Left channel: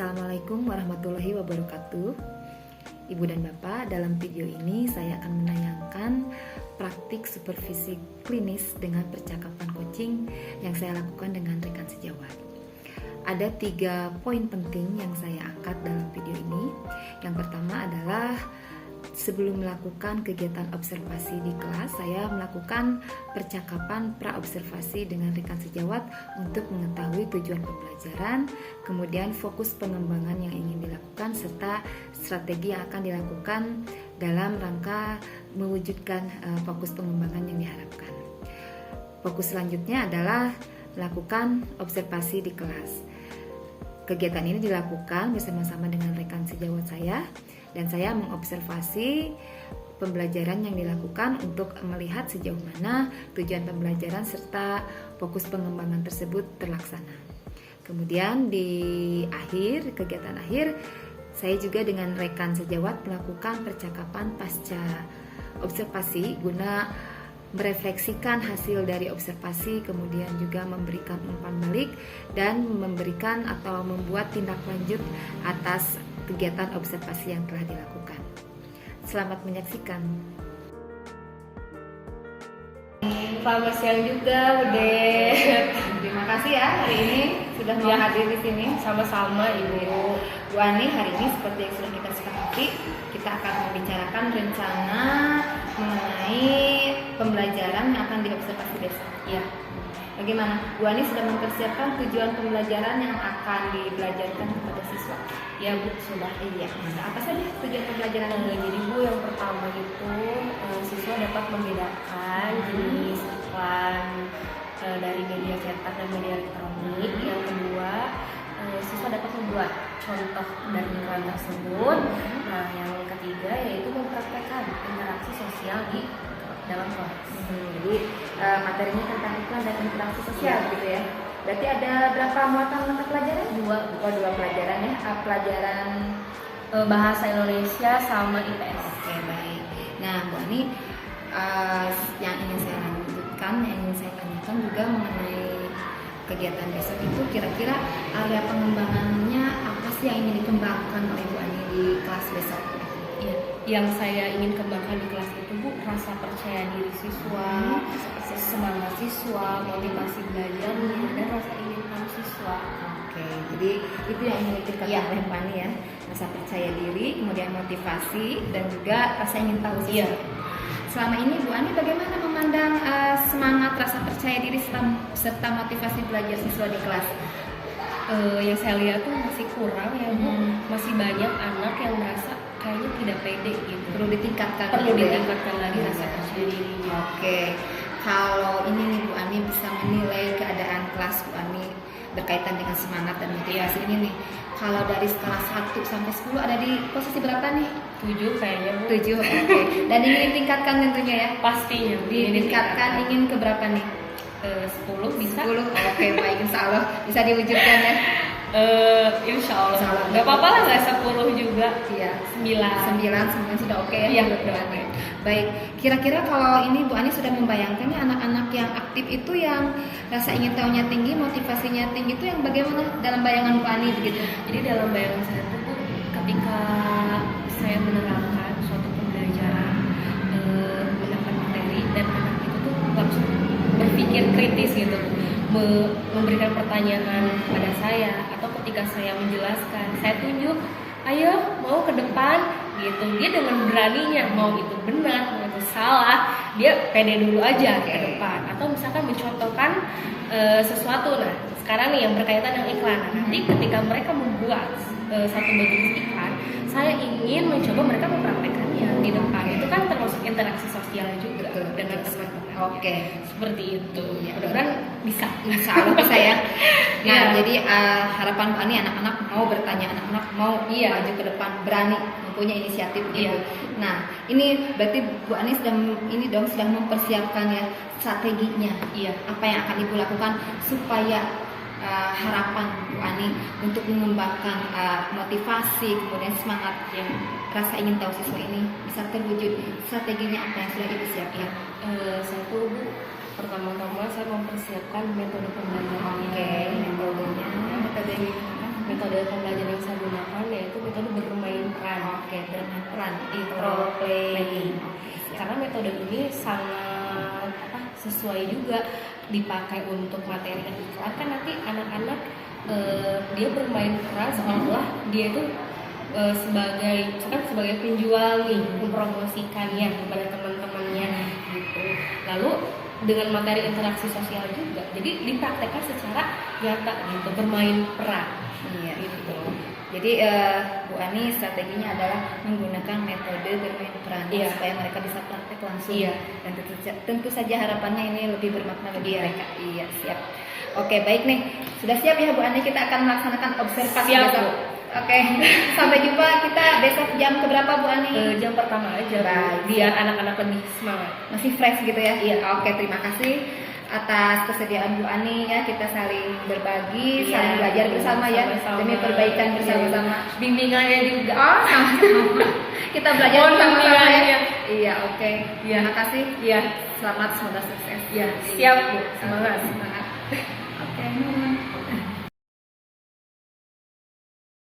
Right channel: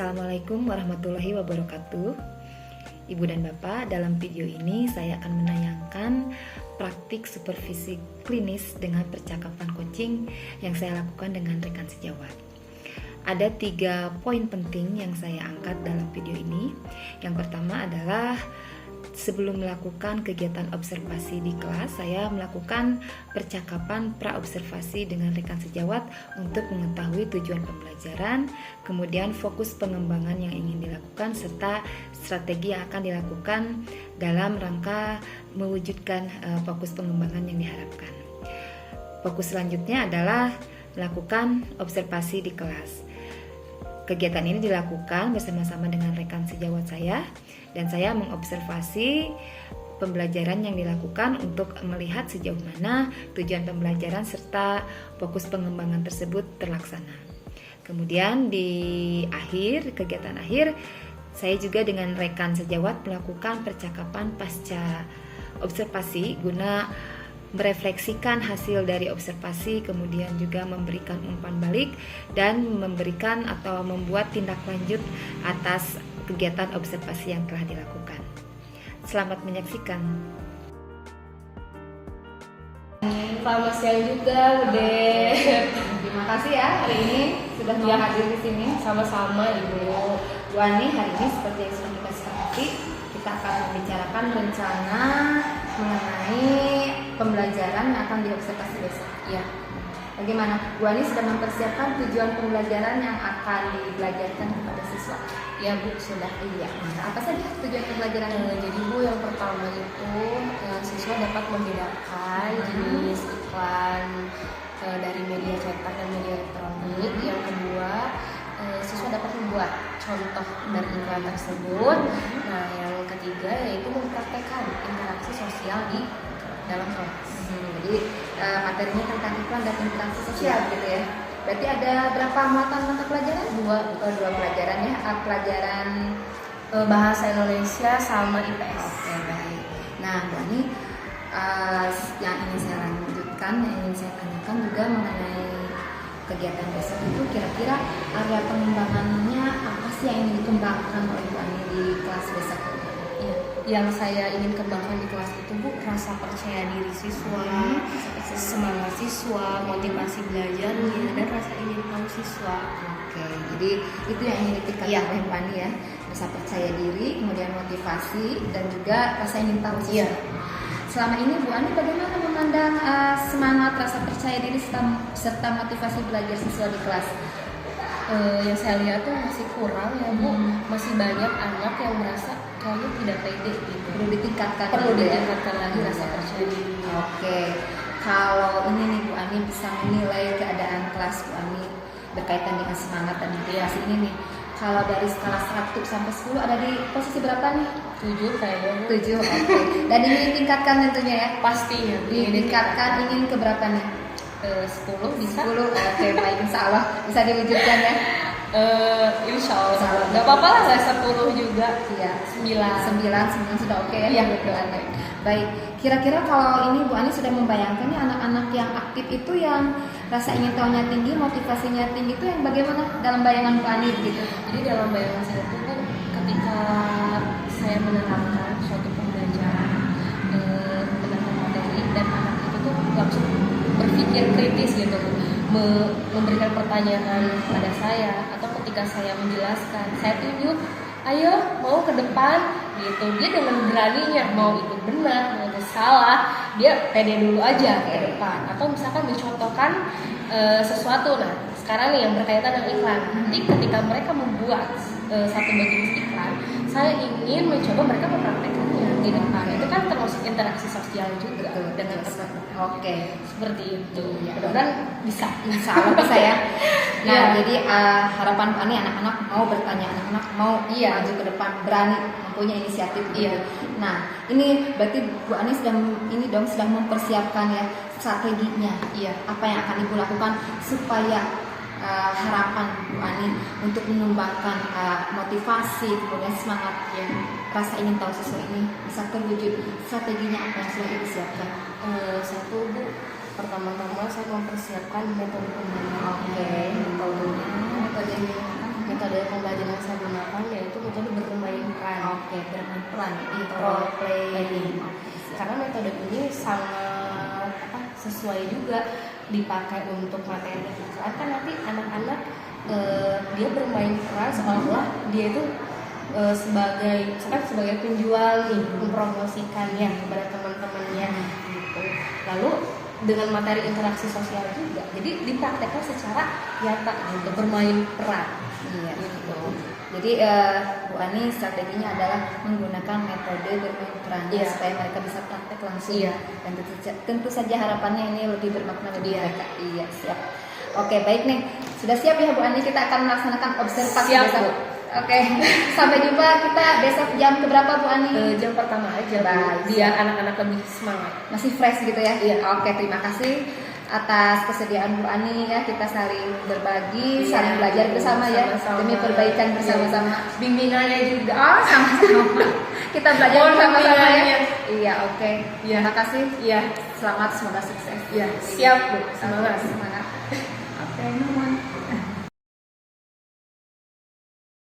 Assalamualaikum warahmatullahi wabarakatuh. Ibu dan Bapak, dalam video ini saya akan menayangkan praktik supervisi klinis dengan percakapan coaching yang saya lakukan dengan rekan sejawat. Ada 3 poin penting yang saya angkat dalam video ini. Yang pertama adalah sebelum melakukan kegiatan observasi di kelas, saya melakukan percakapan pra-observasi dengan rekan sejawat untuk mengetahui tujuan pembelajaran, kemudian fokus pengembangan yang ingin dilakukan, serta strategi yang akan dilakukan dalam rangka mewujudkan fokus pengembangan yang diharapkan. Fokus selanjutnya adalah melakukan observasi di kelas. Kegiatan ini dilakukan bersama-sama dengan rekan sejawat saya dan saya mengobservasi pembelajaran yang dilakukan untuk melihat sejauh mana tujuan pembelajaran serta fokus pengembangan tersebut terlaksana. Kemudian di kegiatan akhir, saya juga dengan rekan sejawat melakukan percakapan pasca observasi guna merefleksikan hasil dari observasi, kemudian juga memberikan umpan balik dan memberikan atau membuat tindak lanjut atas kegiatan observasi yang telah dilakukan. Selamat menyaksikan. Selamat siang juga, Bude. Terima kasih ya hari ini sudah mau hadir di sini. Sama-sama, Ibu. Bu Ani, hari ini seperti yang sudah kita sepakati, kita akan membicarakan rencana mengenai pembelajaran yang akan diobservasi besok. Iya. Bagaimana? Bu Ani sudah mempersiapkan tujuan pembelajaran yang akan dibelajarkan kepada siswa? Ya, Bu, sudah. Iya. Nah, apa saja tujuan pembelajaran ini? Jadi, Bu, yang pertama itu siswa dapat membedakan jenis iklan dari media cetak dan media elektronik. Yang kedua, siswa dapat membuat contoh dari iklan tersebut. Nah, yang ketiga yaitu mempraktekkan interaksi sosial di dalam kelas. Jadi materinya tentang iklan dan interaksi sosial gitu ya. Berarti ada berapa muatan mata pelajaran? Dua pelajaran ya. Pelajaran Bahasa Indonesia sama IPS. Oke, baik. Nah, Bu Ani, yang ingin saya lanjutkan, yang ingin saya tanyakan juga mengenai kegiatan besok itu, kira-kira area pengembangannya apa sih yang ingin dikembangkan oleh Bu Ani di kelas besok? Ya, yang saya ingin kembangkan di kelas itu, Bu, rasa percaya diri siswa, semangat siswa, motivasi belajarnya, dan rasa ingin tahu siswa. Oke, jadi itu yang ingin ditingkatkan oleh Bu Ani ya, rasa percaya diri, kemudian motivasi, dan juga rasa ingin tahu siswa. Selama ini Bu Ani bagaimana memandang semangat, rasa percaya diri serta motivasi belajar siswa di kelas? Yang saya lihat tuh masih kurang ya, Bu. Masih banyak anak yang merasa kayaknya tidak pede gitu. Perlu ditingkatkan. Lagi rasa percaya diri. Oke. Kalau ini nih Bu Ani bisa menilai keadaan kelas Bu Ani berkaitan dengan semangat dan motivasi ini nih. Kalau dari skala 1 sampai 10 ada di posisi berapa nih? 7 kayaknya, Bu. 7. Oke. Dan ingin ditingkatkan tentunya ya? Pastinya. Ditingkatkan ingin ke berapa nih? 10 bisa. 10. Oke, baik, insya Allah bisa diwujudkan ya. Insya Allah. Gak apa-apa lah, nggak 10 juga. Iya. 9 sudah oke ya. Iya, betul. Baik, kira-kira kalau ini Bu Ani sudah membayangkan nih anak-anak yang aktif itu yang rasa ingin tahunya tinggi, motivasinya tinggi itu yang bagaimana dalam bayangan Bu Ani gitu? Jadi dalam bayangan saya itu, Bu, ketika saya menerangkan suatu pembelajaran, menerangkan materi dan anak itu tuh langsung berpikir kritis gitu, memberikan pertanyaan pada saya, atau ketika saya menjelaskan, saya tunjuk, ayo mau ke depan gitu, dia dengan beraninya, mau itu benar mau itu salah, dia pede dulu aja ke depan, atau misalkan mencontohkan sesuatu. Nah, sekarang nih yang berkaitan dengan iklan. Nanti ketika mereka membuat satu jenis iklan, saya ingin mencoba mereka mempraktekannya di depan. Itu kan termasuk interaksi sosial juga dengan teman-teman. Oke, seperti itu. Mudah-mudahan bisa. Insya Allah bisa ya. Nah, jadi harapan Bu Ani anak-anak mau bertanya, anak-anak mau maju ke depan, berani, mempunyai inisiatif gitu. Nah, ini berarti Bu Ani sedang mempersiapkan ya strateginya. Apa yang akan Ibu lakukan supaya harapan Bu Ani untuk mengembangkan motivasi, kemudian semangat rasa ingin tahu siswa ini bisa terwujud. Strateginya apa yang sudah Ibu siapkan? Satu, Bu, pertama-tama saya mempersiapkan metode pembelajaran. Metode yang digunakan Metode pembelajaran yang saya gunakan yaitu metode bermain peran. Oke, bermain peran, Itu role playing. Karena metode ini sangat sesuai juga dipakai untuk materi yang iklan, kan nanti anak-anak dia bermain peran seolah-olah dia itu sebagai penjual nih, mempromosikannya kepada teman-temannya gitu. Lalu dengan materi interaksi sosial juga, jadi dipraktekkan secara nyata gitu, bermain peran. Iya, Gitu. Jadi Bu Ani strateginya adalah menggunakan metode bermain peran Iya. supaya mereka bisa praktek langsung. Iya. Dan tentu saja harapannya ini lebih bermakna bagi Iya. mereka. Iya, siap. Oke, baik nih. Sudah siap ya Bu Ani, kita akan melaksanakan observasi Siap, besok. Bu. Oke. Sampai jumpa kita besok jam keberapa Bu Ani? Jam pertama aja, Bu, Baik, biar siap. anak-anak lebih semangat. Masih fresh gitu ya? Iya. Oke, terima kasih atas kesediaan Bu Ani ya, kita saling berbagi, Iya, saling belajar bersama ya sama-sama. demi perbaikan bersama-sama. Iya. Bimbingannya juga. Oh, sama-sama. Kita belajar Oh, bersama-sama ya. bimbingannya. Iya, oke. Iya. Terima kasih. Iya. Selamat, semoga sukses. Iya, siap, Bu. Semangat. Semangat. Oke, nuhun.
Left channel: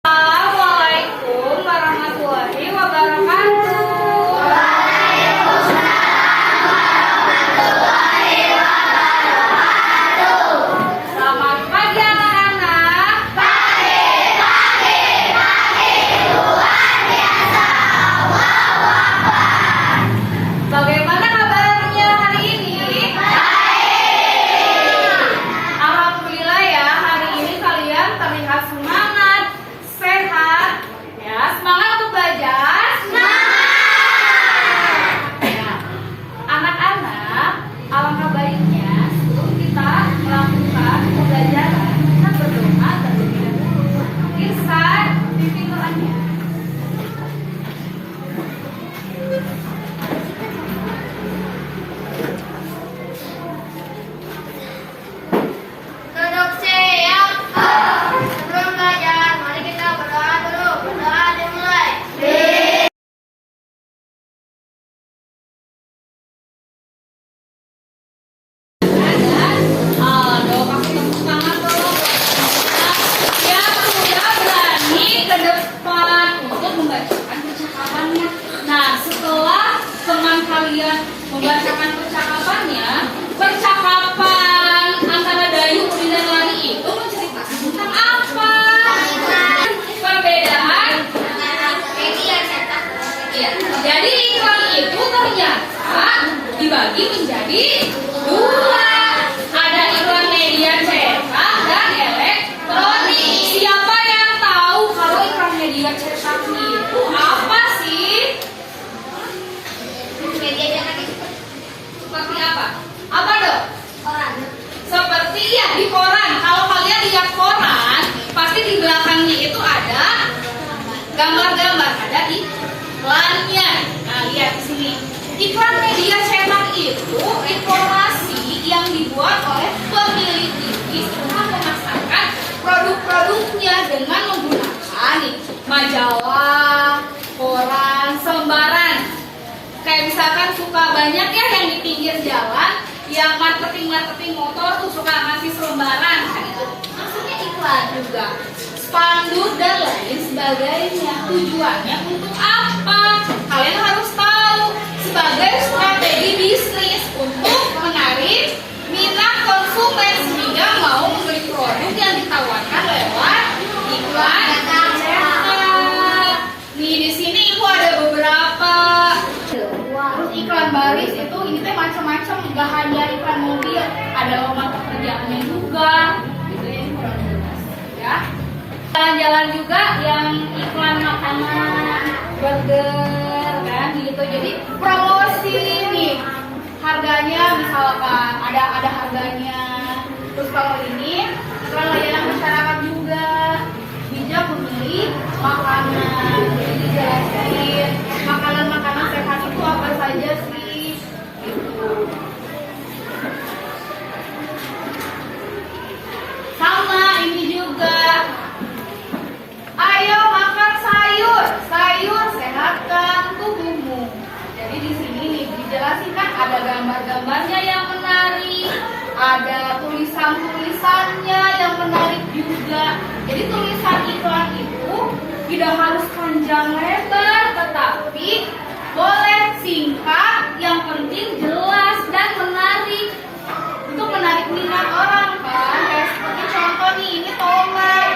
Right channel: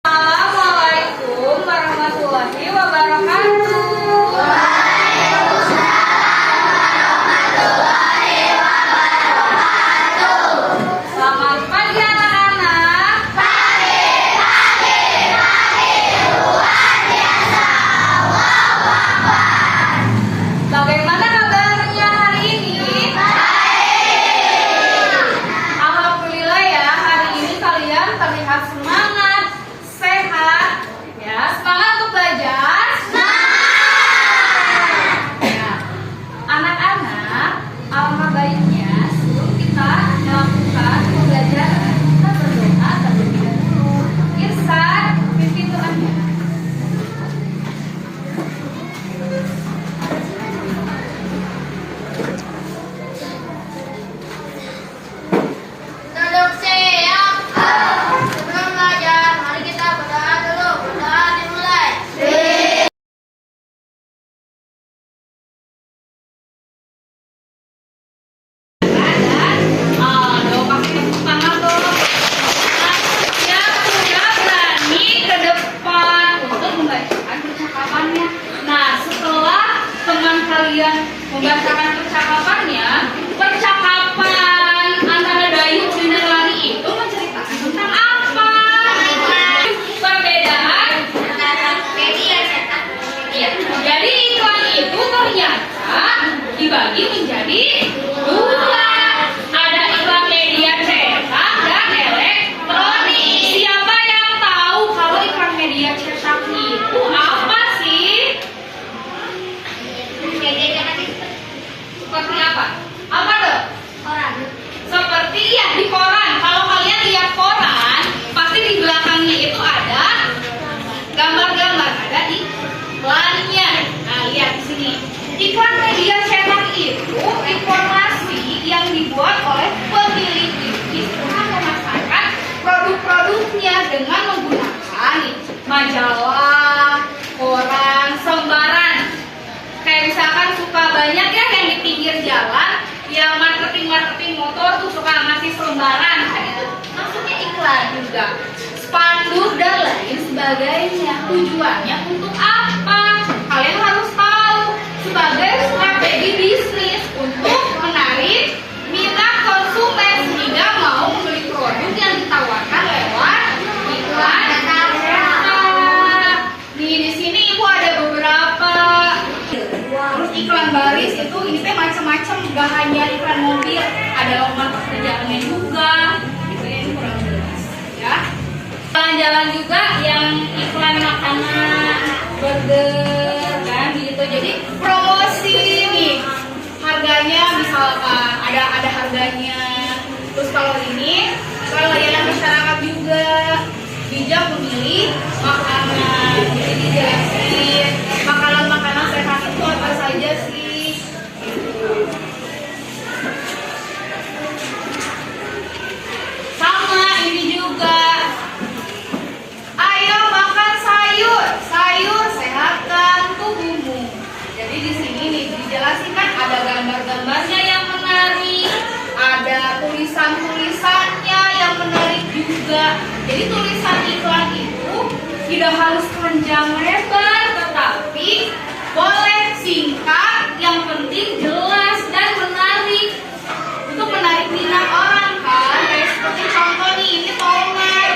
Assalamualaikum warahmatullahi wabarakatuh. Selamat pagi anak-anak. Bagaimana kabarnya hari ini? Alhamdulillah ya, hari ini kalian terlihat semangat, sehat, ya. Semangat untuk belajar. Ya. Anak-anak, alangkah baiknya sebelum kita melakukan pembelajaran, kita berdoa terlebih dahulu. Irsan, pimpin doanya. Duduk siap. Sebelum belajar, mari kita berdoa dulu. Berdoa dimulai. Aduh, pakai tepuk tangan dong. Yang sudah berani ke depan untuk membacakan percakapannya. Nah, setelah teman kalian membacakan percakapannya, percakapan antara Dayung dan Lali itu menceritakan tentang apa? Perbedaan. Iya, jadi iklan itu ternyata dibagi menjadi dua. Ada iklan media cetak dan elektronik. Siapa yang tahu kalau iklan media cetak itu apa sih? Seperti apa? Apa dong? Seperti ya di koran. Kalau kalian lihat koran, pasti di belakangnya itu ada gambar-gambar, ada iklannya. Nah, lihat di sini. Iklan media cetak itu informasi yang dibuat oleh pemilik TV setelah memasarkan produk-produknya dengan menggunakan majalah, koran, sembaran. Kayak misalkan suka banyak ya yang di pinggir jalan, ya marketing motor tuh suka ngasih selembaran, kan itu maksudnya iklan juga. Spanduk dan lain sebagainya. Tujuannya untuk apa? Kalian harus tahu. Sebagai strategi bisnis untuk menarik minat konsumen sehingga mau membeli produk yang ditawarkan lewat iklan cetak. Nih di sini ibu ada beberapa. Terus iklan baris itu ini teh macam-macam, gak hanya iklan mobil, ada lowongan pekerjaannya juga. Gitu ya, ini kurang jelas ya. Jalan-jalan juga yang iklan makanan, burger, kan gitu. Jadi promosi nih, harganya misalkan ada harganya. Terus kalau ini iklan layanan masyarakat juga, bijak memilih makanan. Jadi dijelasin makanan-makanan sehat itu apa saja sih? Gitu. Sama ini juga. Ayo makan sayur, sayur sehatkan tubuhmu. Jadi di sini nih dijelasin kan ada gambar-gambarnya yang menarik, ada tulisan-tulisannya yang menarik juga. Jadi tulisan Tidak harus panjang lebar, tetapi boleh singkat, yang penting jelas dan menarik. Untuk menarik minat orang kan, kayak seperti contoh nih, ini tombol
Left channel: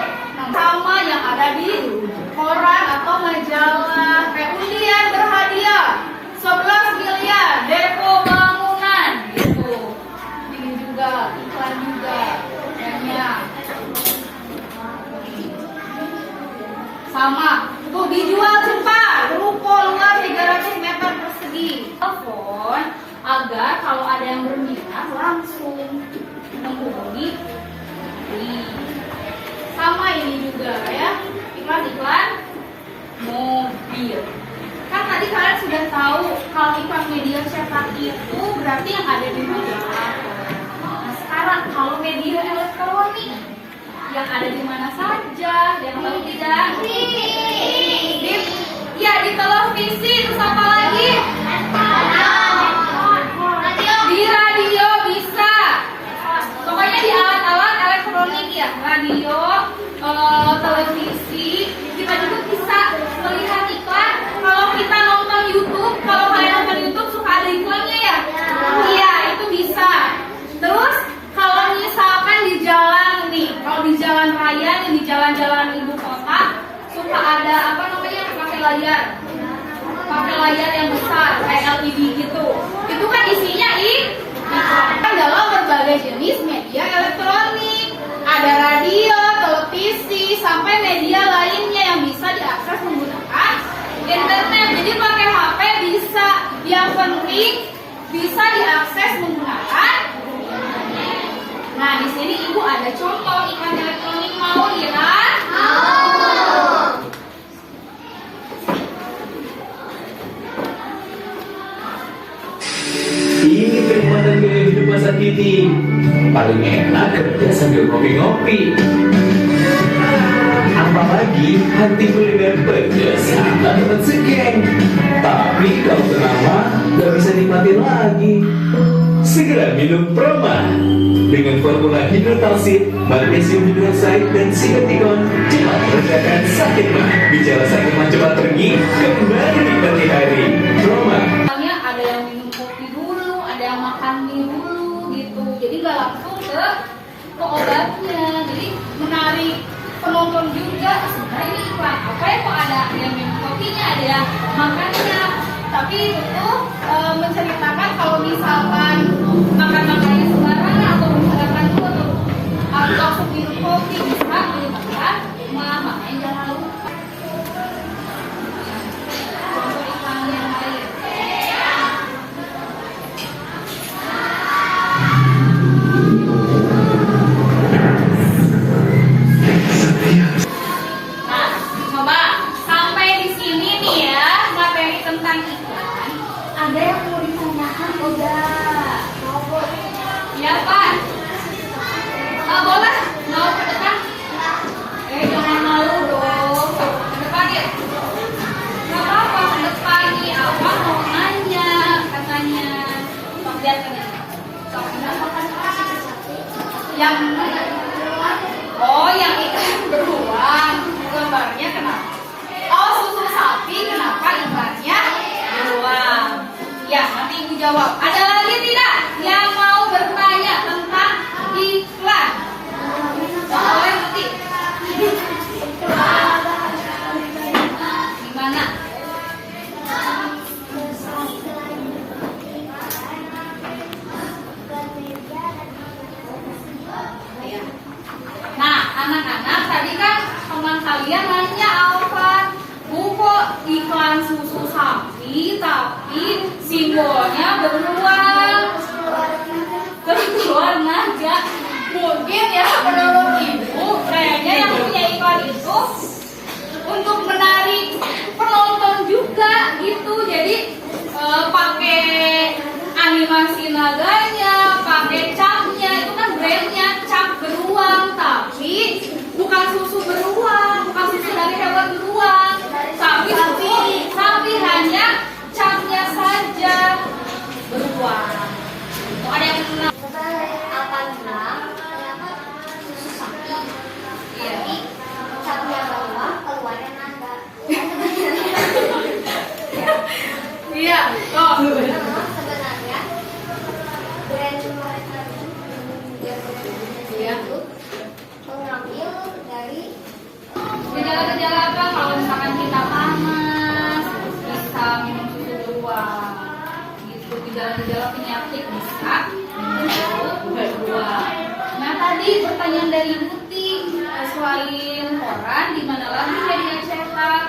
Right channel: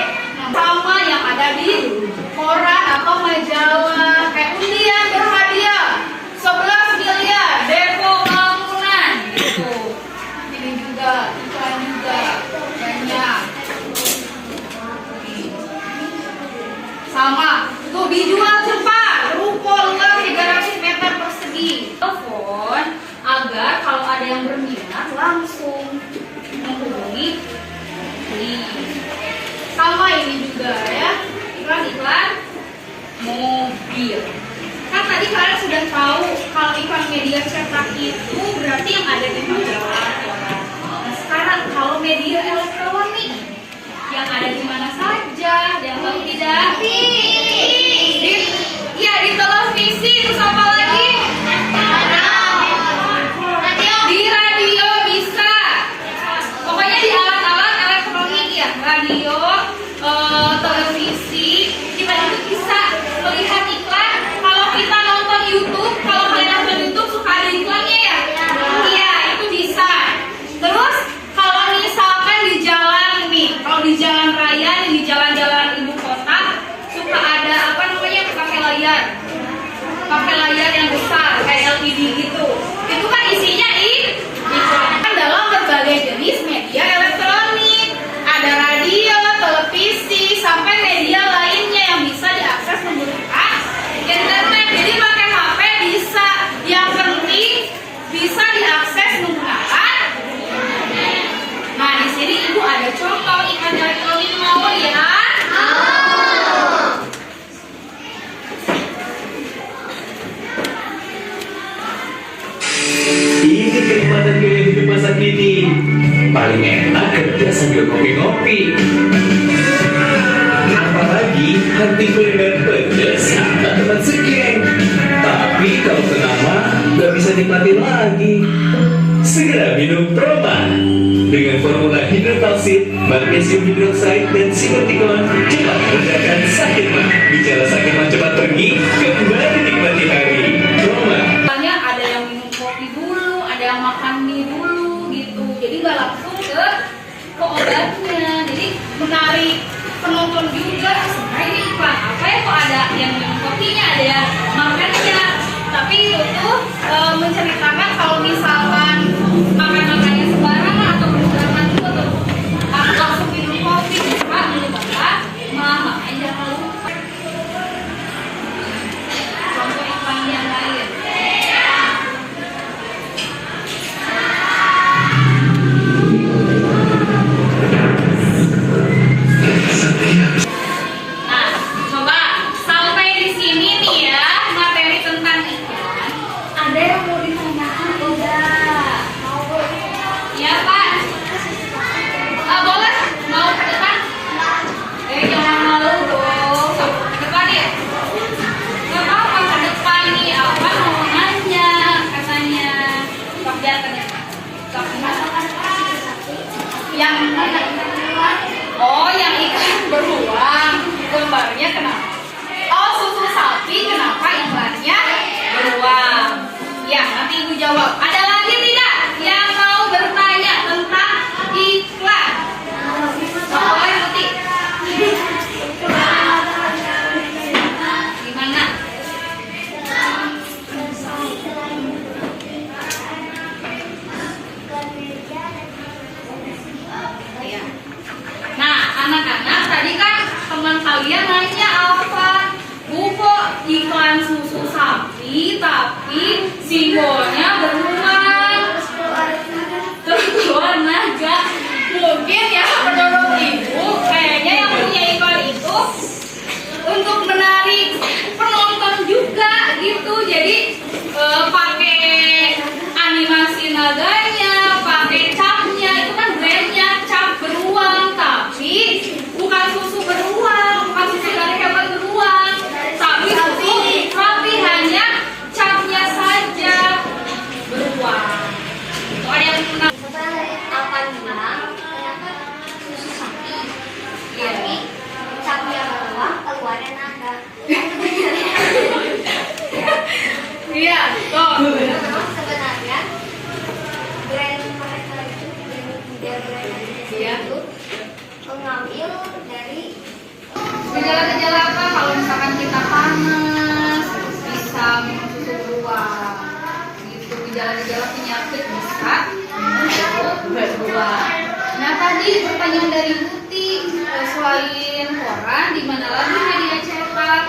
sama yang ada di koran atau majalah, kayak undian berhadiah 11 miliar Depo Bangunan gitu. Ini juga iklan juga banyak. Sama tuh dijual cepat, ruko luas 300 meter persegi. Telepon agar kalau ada yang berminat langsung menghubungi. Sama ini juga ya, iklan-iklan mobil. Kan tadi kalian sudah tahu kalau iklan media cetak itu berarti yang ada di majalah. Nah sekarang kalau media elektronik yang ada di mana saja, yang tahu tidak? Di televisi, terus apa lagi? Di radio bisa. Pokoknya di alat-alat elektronik ya, radio, televisi, kita itu bisa melihat iklan. Kalau kita nonton YouTube, kalau kalian nonton YouTube suka ada iklannya ya? Iya, itu bisa. Terus kalau misalkan di jalan nih, kalau di jalan raya nih, di jalan-jalan ibu kota suka ada apa namanya, pakai layar yang besar kayak LCD gitu. Itu kan isinya iklan dalam berbagai jenis media elektronik. Ada radio, televisi, sampai media lainnya yang bisa diakses menggunakan internet. Jadi pakai HP bisa, yang penting bisa diakses menggunakan. Nah, di sini Ibu ada contoh iklan elektronik, mau lihat? Ini kenikmatan gaya hidup masa kini. Paling enak kerja sambil ngopi-ngopi. Apalagi hati kuliner pedas ada teman segeng. Tapi kalau kenapa gak bisa nikmatin lagi. Segera minum Proma dengan formula hidrotalsit, magnesium hidroksida dan silotikon cepat meredakan sakit mah. Bicara sakit mah cepat pergi, kembali nikmati hari. Proma. Ada yang minum kopi dulu, ada yang makan mie dulu gitu. Jadi nggak langsung ke obatnya. Jadi menarik penonton juga. Sebenarnya ini iklan apa ya, kok ada yang minum kopinya, ada yang makannya. Tapi itu menceritakan kalau misalkan makan-makannya sembarangan atau berserapan dulu atau langsung minum kopi bisa menyebabkan makanya jangan lupa. Contoh iklan yang lain. Nah, coba sampai di sini nih ya materi tentang iklan. Ada yang mau ditanyakan udah? Ya Pak. Boleh? Mau ke depan? Jangan malu dong. Ke depan ya. Gak apa-apa, ke depan nih. Apa mau nanya katanya? Pak jangan. Yang mana? Oh, yang ikan beruang. Gambarnya kenapa? Oh, susu sapi kenapa iklannya beruang? Ya, nanti Ibu jawab. Ada lagi tidak yang mau bertanya tentang iklan? Boleh nanti. Gimana? Ya. Nah, anak-anak tadi kan teman kalian nanya apa? Bu, kok iklan susu sapi tapi simbolnya beruang, keluar naga. Mungkin ya menurut Ibu kayaknya yang punya iklan itu untuk menarik penonton juga gitu. Jadi pakai animasi naganya, pakai capnya, itu kan brandnya cap beruang, tapi bukan susu beruang, bukan susu dari hewan beruang, tapi susu sapi, hanya capnya saja beruang. Itu ada yang pernah Apa bilang susu sapi? Tapi capnya beruang keluarnya naga. Ya. mengambil dari Gejala-gejala apa? Kalau misalkan kita panas, bisa minum susu beruang. Gitu, gejala-gejala penyakit bisa minum susu beruang. Nah tadi pertanyaan dari Buti, selain koran, di mana lagi media cetak?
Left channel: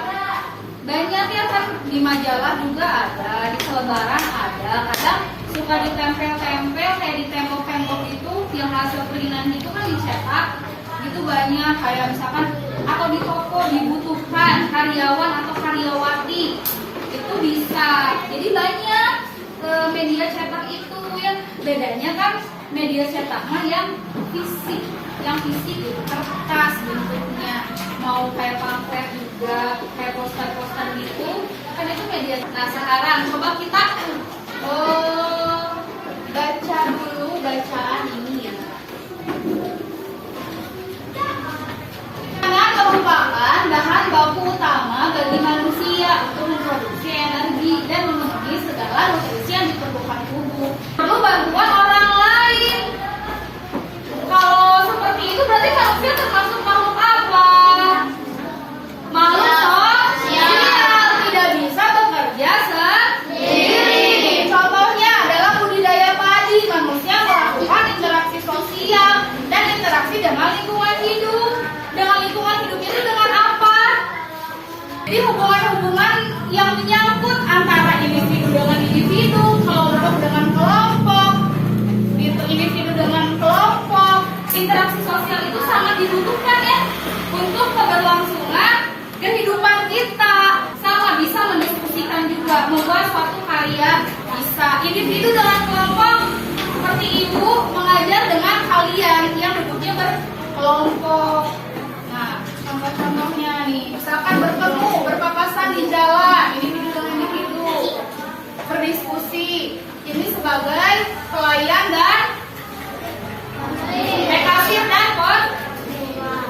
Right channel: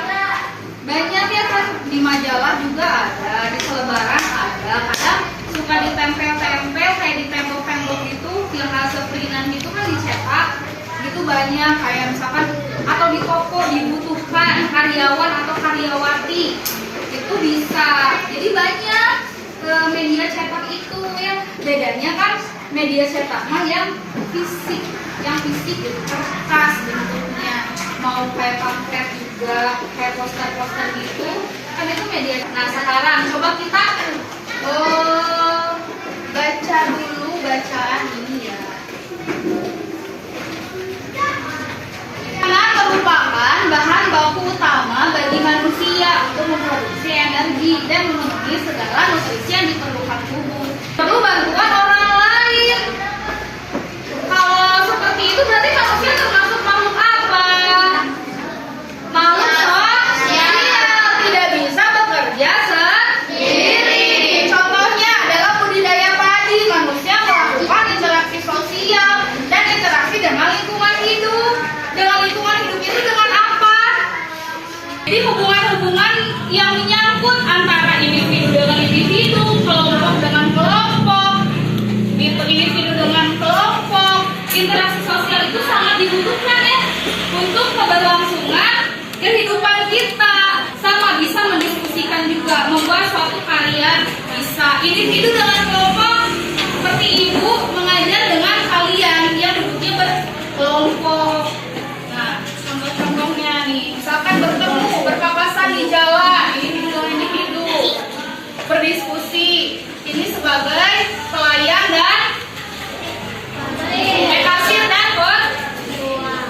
Banyak ya kan, di majalah juga ada, di selebaran ada, kadang suka ditempel-tempel kayak di tembok-tembok itu, yang hasil printan itu kan dicetak, gitu banyak kayak misalkan atau di toko dibutuhkan karyawan atau karyawati itu bisa. Jadi banyak media cetak itu ya, bedanya kan media cetak mah yang fisik gitu, kertas bentuknya, mau kayak pamflet juga, kayak poster-poster gitu kan itu media. Nah sekarang coba kita baca dulu bacaan ini ya. Makanan merupakan bahan baku utama bagi manusia untuk memproduksi energi dan memenuhi segala nutrisi yang diperlukan tubuh. Perlu bantuan orang lain. Kalau seperti itu berarti manusia termasuk makhluk apa? Makhluk sosial, tidak bisa bekerja sendiri. Contohnya adalah budidaya padi. Manusia melakukan interaksi sosial dan interaksi dengan lingkungan hidup. Dengan lingkungan hidup itu dengan apa? Jadi hubungan-hubungan yang menyangkut antara individu dengan individu, kelompok dengan kelompok, individu dengan kelompok, interaksi sosial itu sangat dibutuhkan ya untuk keberlangsungan kehidupan kita. Sama bisa mendiskusikan juga, membuat suatu karya bisa. Individu dengan kelompok, seperti ibu mengajar dengan kalian yang duduknya berkelompok. Nah, contoh-contohnya nih, misalkan bertemu, berpapasan di jalan, individu dengan individu, berdiskusi. Ini sebagai pelayan dan kasir dan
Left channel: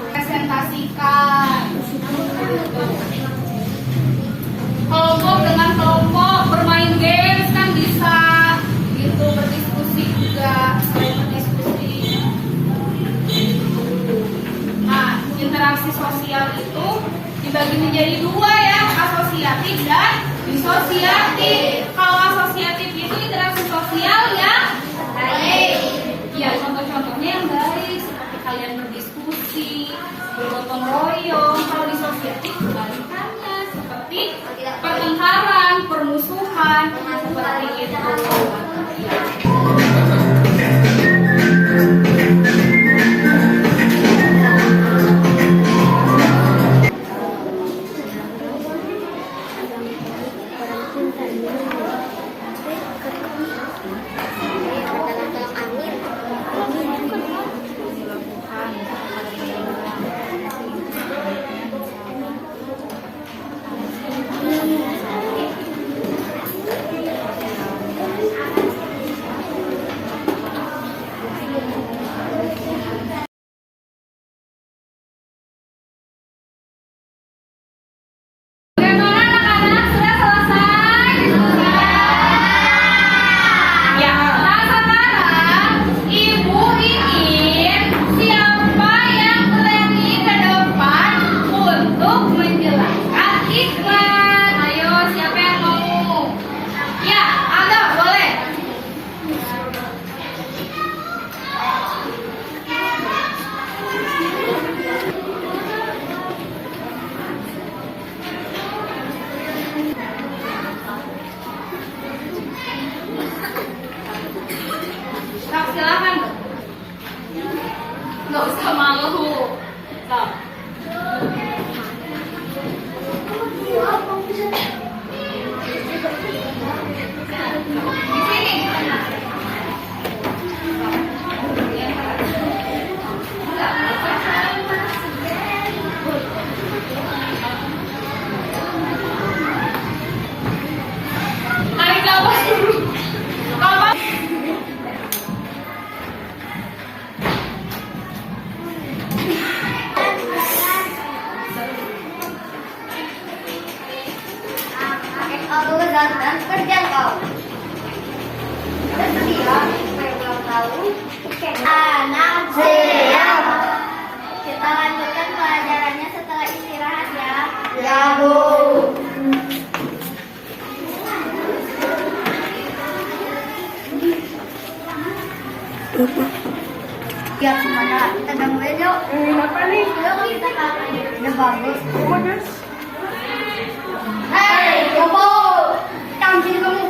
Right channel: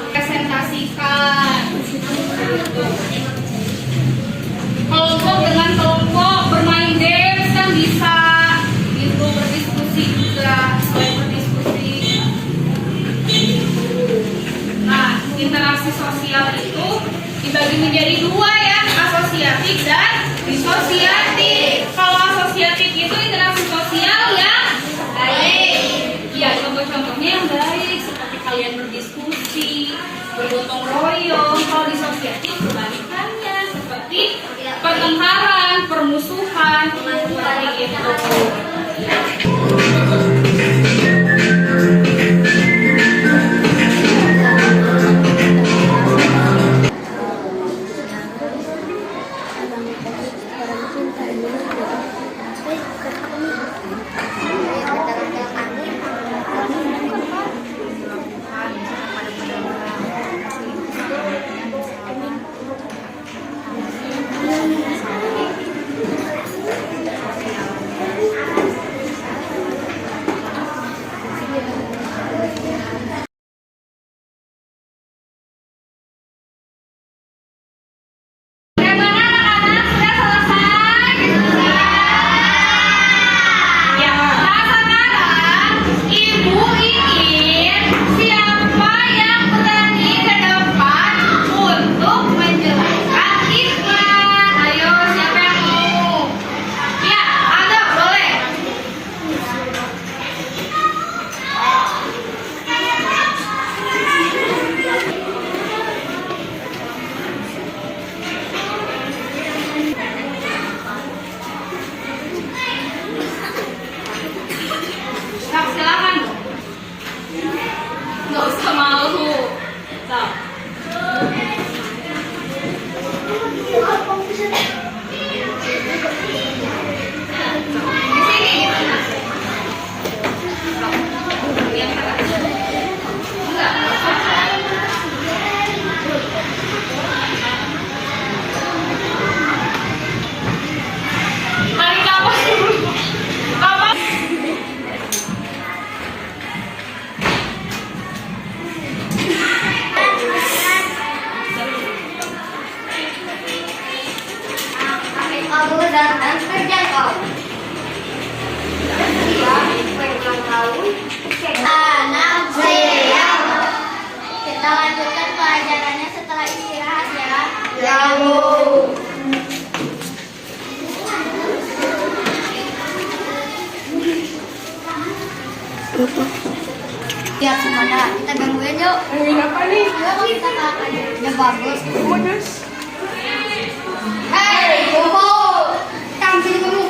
presentasikan. Kelompok dengan kelompok bermain games kan bisa, gitu, berdiskusi juga, selain berdiskusi. Nah, interaksi sosial itu dibagi menjadi dua ya, asosiatif dan disosiatif. Kalau asosiatif itu interaksi sosial yang baik. Ya, contoh-contohnya yang baik seperti kalian berdiskusi, bergotong royong. Kalau disosiatif kebalikannya seperti pertengkaran, permusuhan, seperti itu. Nggak usah malu. Nah. Di sini gitu. Enggak. Tarik nafas dulu. Apa? Anak siap. Kita lanjutkan pelajarannya setelah istirahat ya. Ya, Bu. Ya, semuanya kita gangguin yuk. Gangguin apa nih? Yuk, kita kalah. Udah bagus. Bagus. Hei, Bobo. Kamu sini kamu.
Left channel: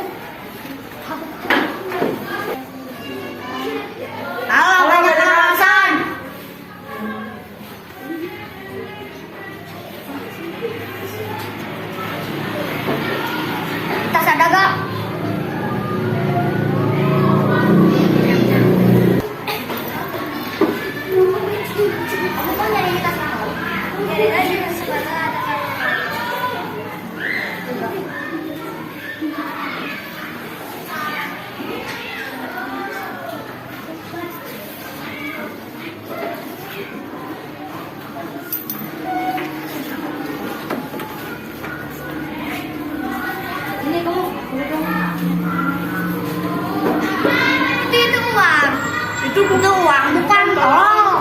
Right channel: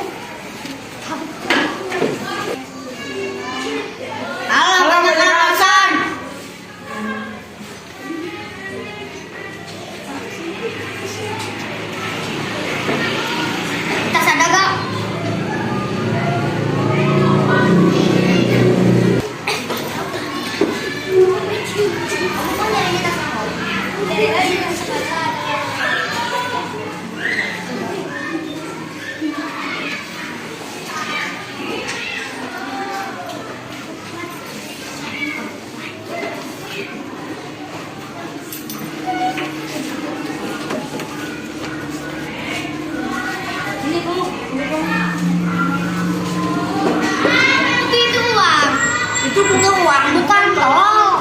Halo, banyak alasan. Tas ada gak? Kamu kan dari kita semua. Dari aja yang sekolah ada. Ini kamu. Itu uang. Itu bukan uang, bukan tolong.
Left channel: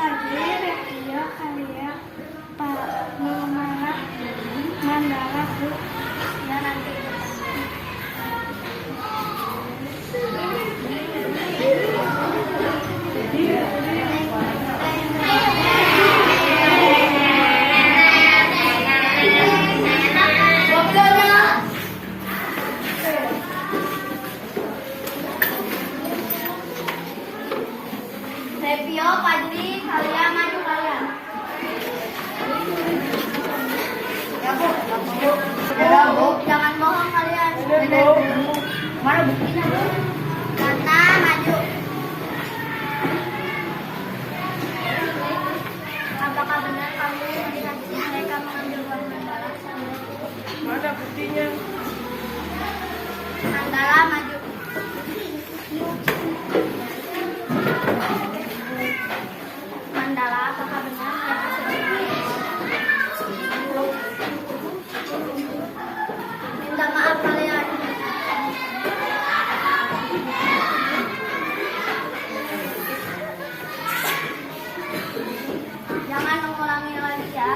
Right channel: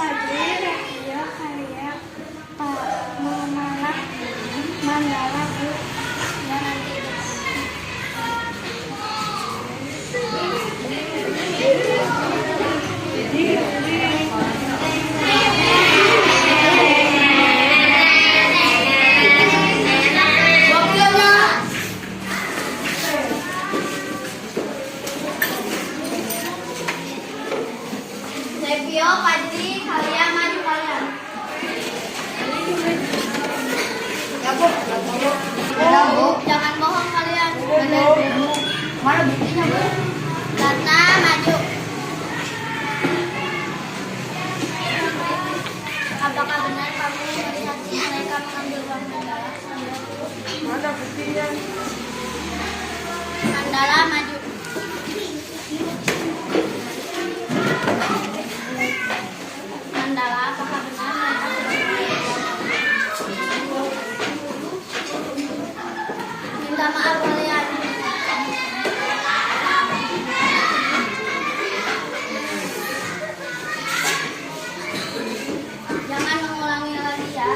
Tadi ya karya Pak Mamalah Mandala Bu. Ya nanti. Sepio, Padri, kalian maju kalian. Ya Bu, ya Bu, jangan bohong kalian. Benar Bu. Mana buktinya Bu? Karena maju. Apakah benar kamu melihat mereka mengambil uang Mandala? Mana buktinya? Mandala maju. Mandala, apakah benar mereka sudah minta maaf kalian? Jangan mengulangi lagi ya.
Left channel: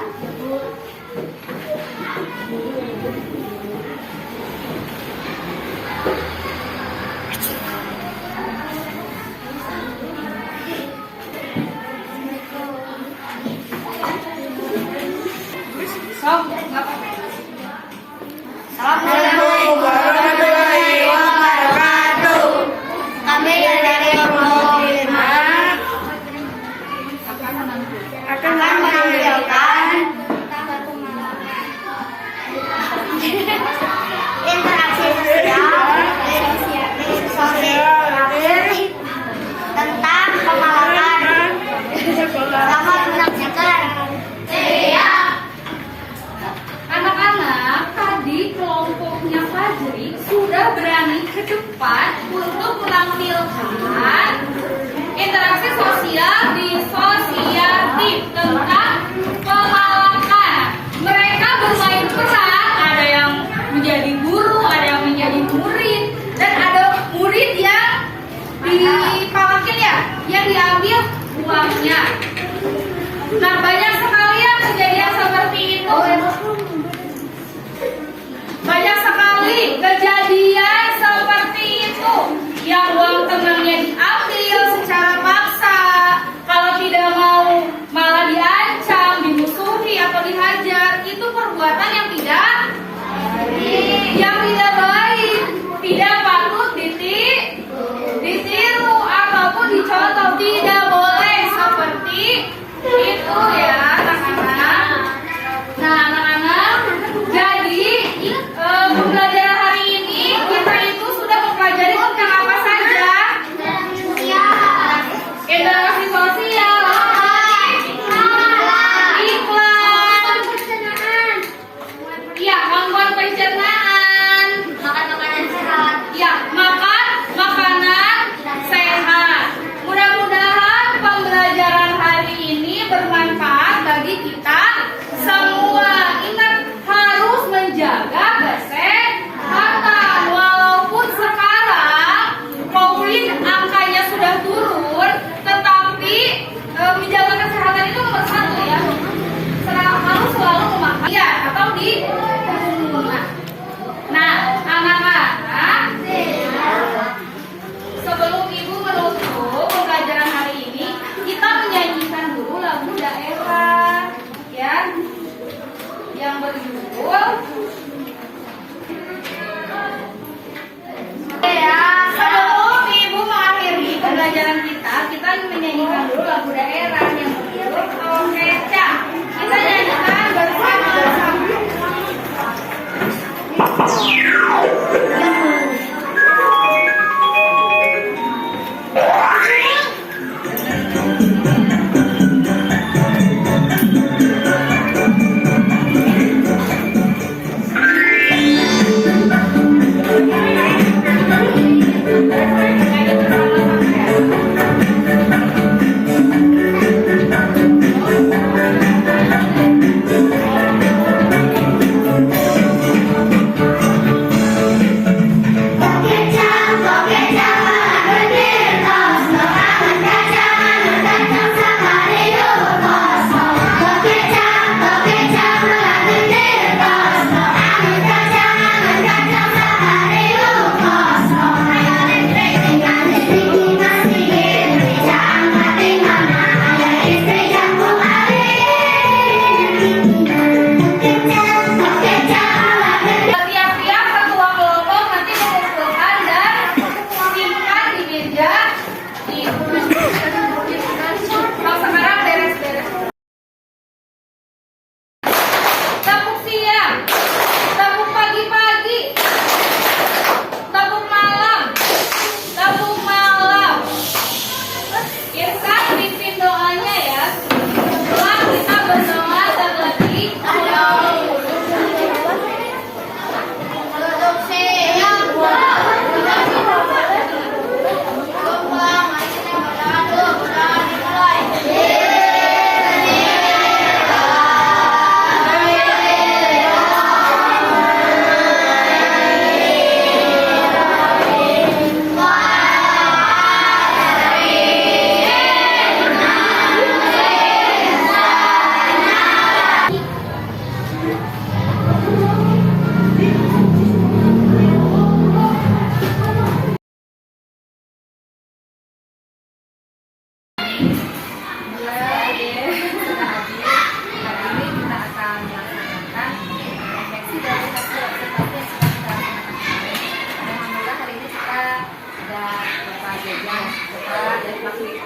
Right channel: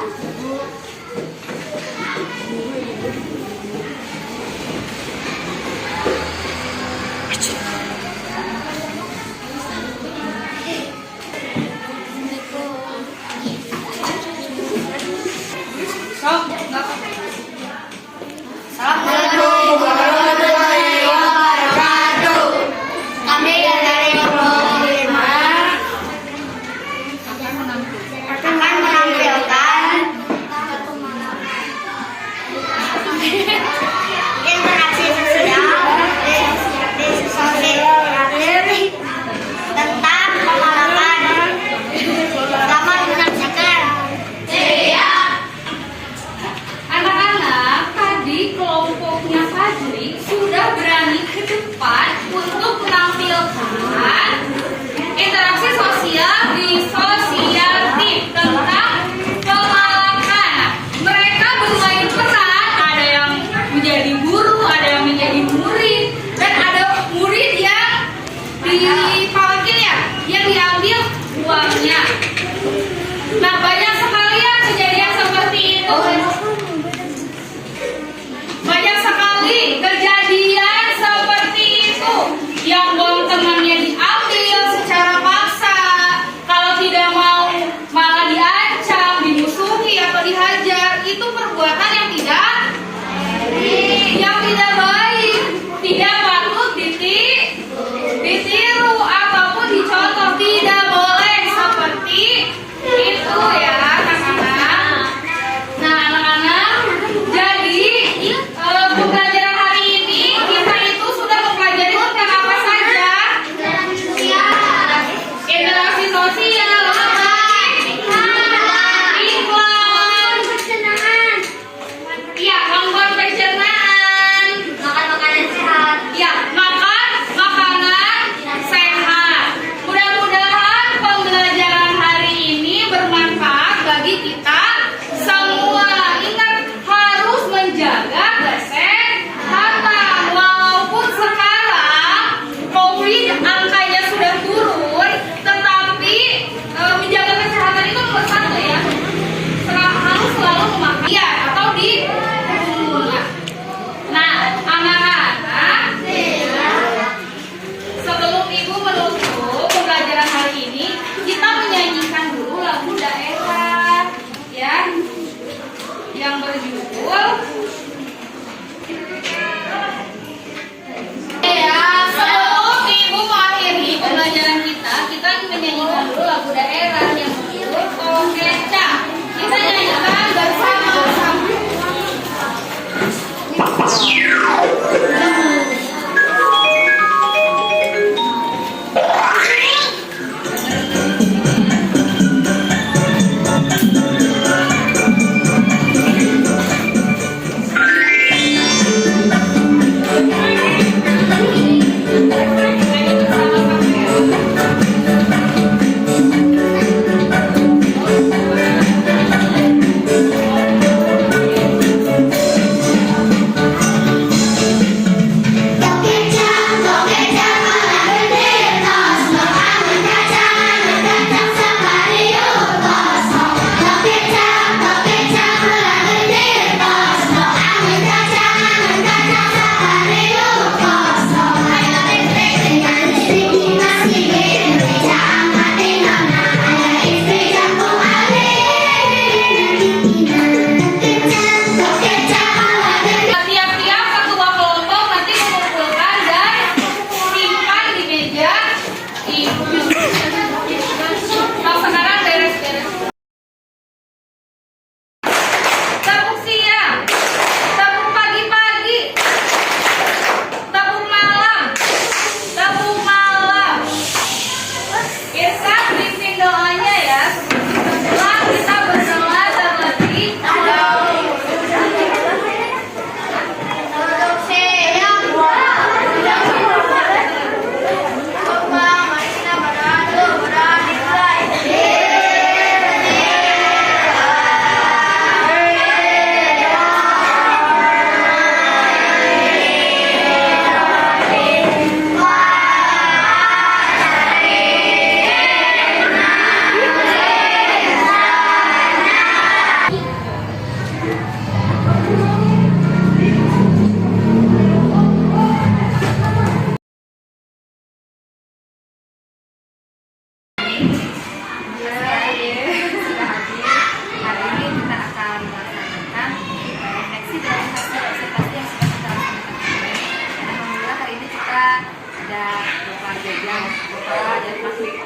ada Bapak Jajang, Bapak dan Pak Lik.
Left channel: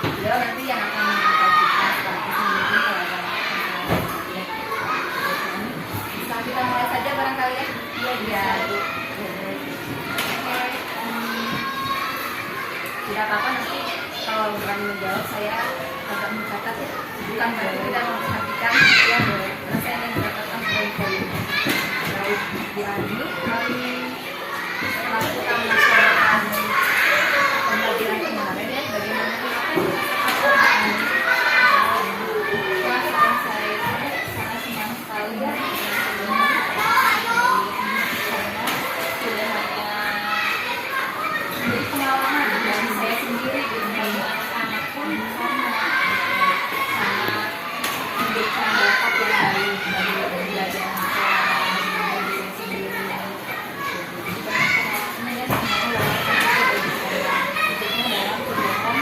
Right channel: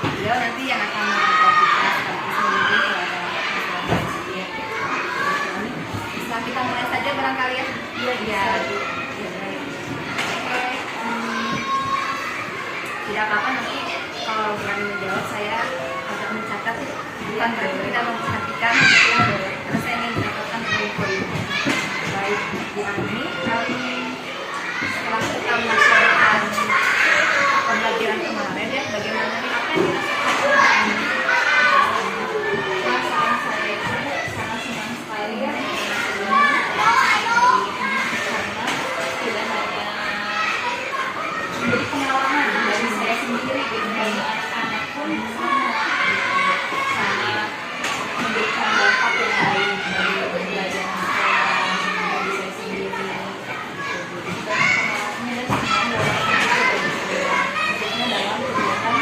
Beliau nanti yang akan memantau kita sekaligus memimpin kalau ada masalah seperti itu. Bisa kita mulai saja barangkali ya? Iya. Oke. Tidak apa-apa nanti kalau berani menjawab saya agak mencatat ya. Bukan berarti kita memperhatikan ya boleh. Karena saya ingin mendapatkan poin-poin. Baik, bulan ini kami setelah kita melaksanakan pembelajaran kemarin ya, bagaimana apa yang dirasakan perasaan saya itu sangat senang sekali ya karena tidak hanya menjadi pengalaman dari saya sendiri gitu, bagi anak-anak pun sama sangat memberikan dampak yang baik dari pembelajaran kelas bagi saya sendiri. Jadi banyak pengalaman dan semua walaupun itu bagi saya khususnya dalam kegiatan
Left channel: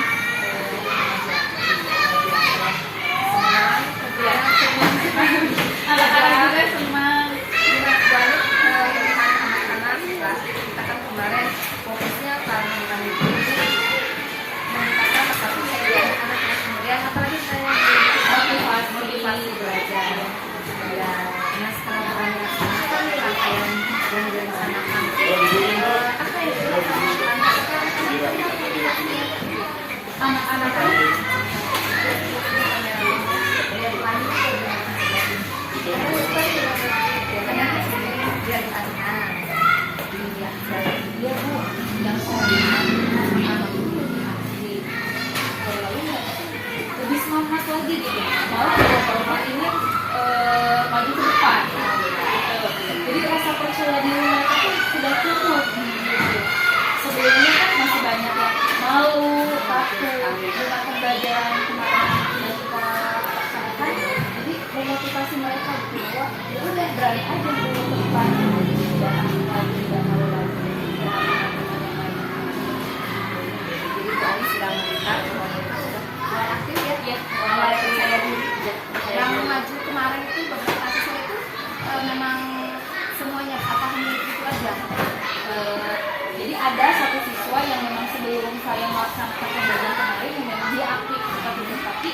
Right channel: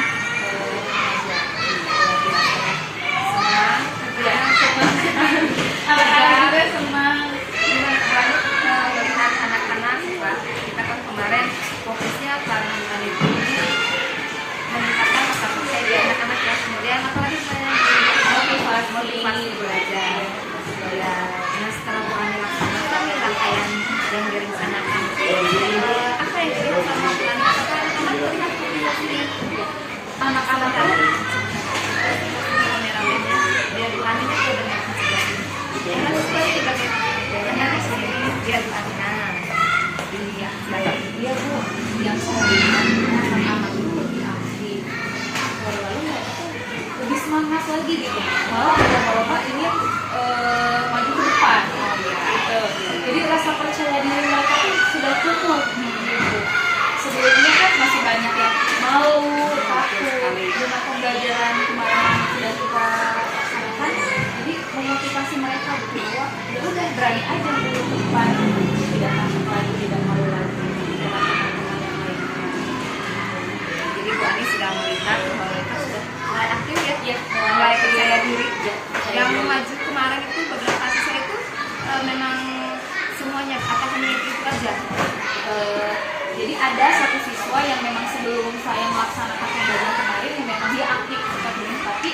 senang, kegiatan senang, anak-anak juga senang. Gimana banget melihat anak-anak kita kan kemarin fokusnya karena meningkatkan kapasitas dari anak-anak ya, kemudian apalagi saya motivasi belajar ya. Nah setelah kami laksanakan nih rangkaian yang direncanakan apa yang kita lakukan anak-anak melihat motivasinya anak-anak kameramennya dia bukannya kok dengan karena suka juga dia bukannya iya baik dia bu yang anak-anak itu lebih aktif lalu mereka tuh lebih semangat lagi gitu malah lomba-lomba ini maju ke depan gitu. Jadi rasa percaya diri mereka tuh sudah cukup gitu. Sebelumnya kan masih banyak yang malu, takut dengan pembelajaran kemarin yang sudah kita laksanakan. Jadi memotivasi mereka gitu bahwa ya udah berani aja dulu ke depan, tidak takut lagi, tidak malu lagi dengan teman-teman yang lainnya. Jadi Bu Ani sudah melihat bahwa mereka sudah mulai aktif ya, mulai percaya diri. Yang maju kemarin itu beberapa siswa itu memang semuanya apa hanya itu aja. Jadi ada satu siswa yang memang sebelum saya melaksanakan pembelajaran kemarin yang memang dia aktif seperti ini, tapi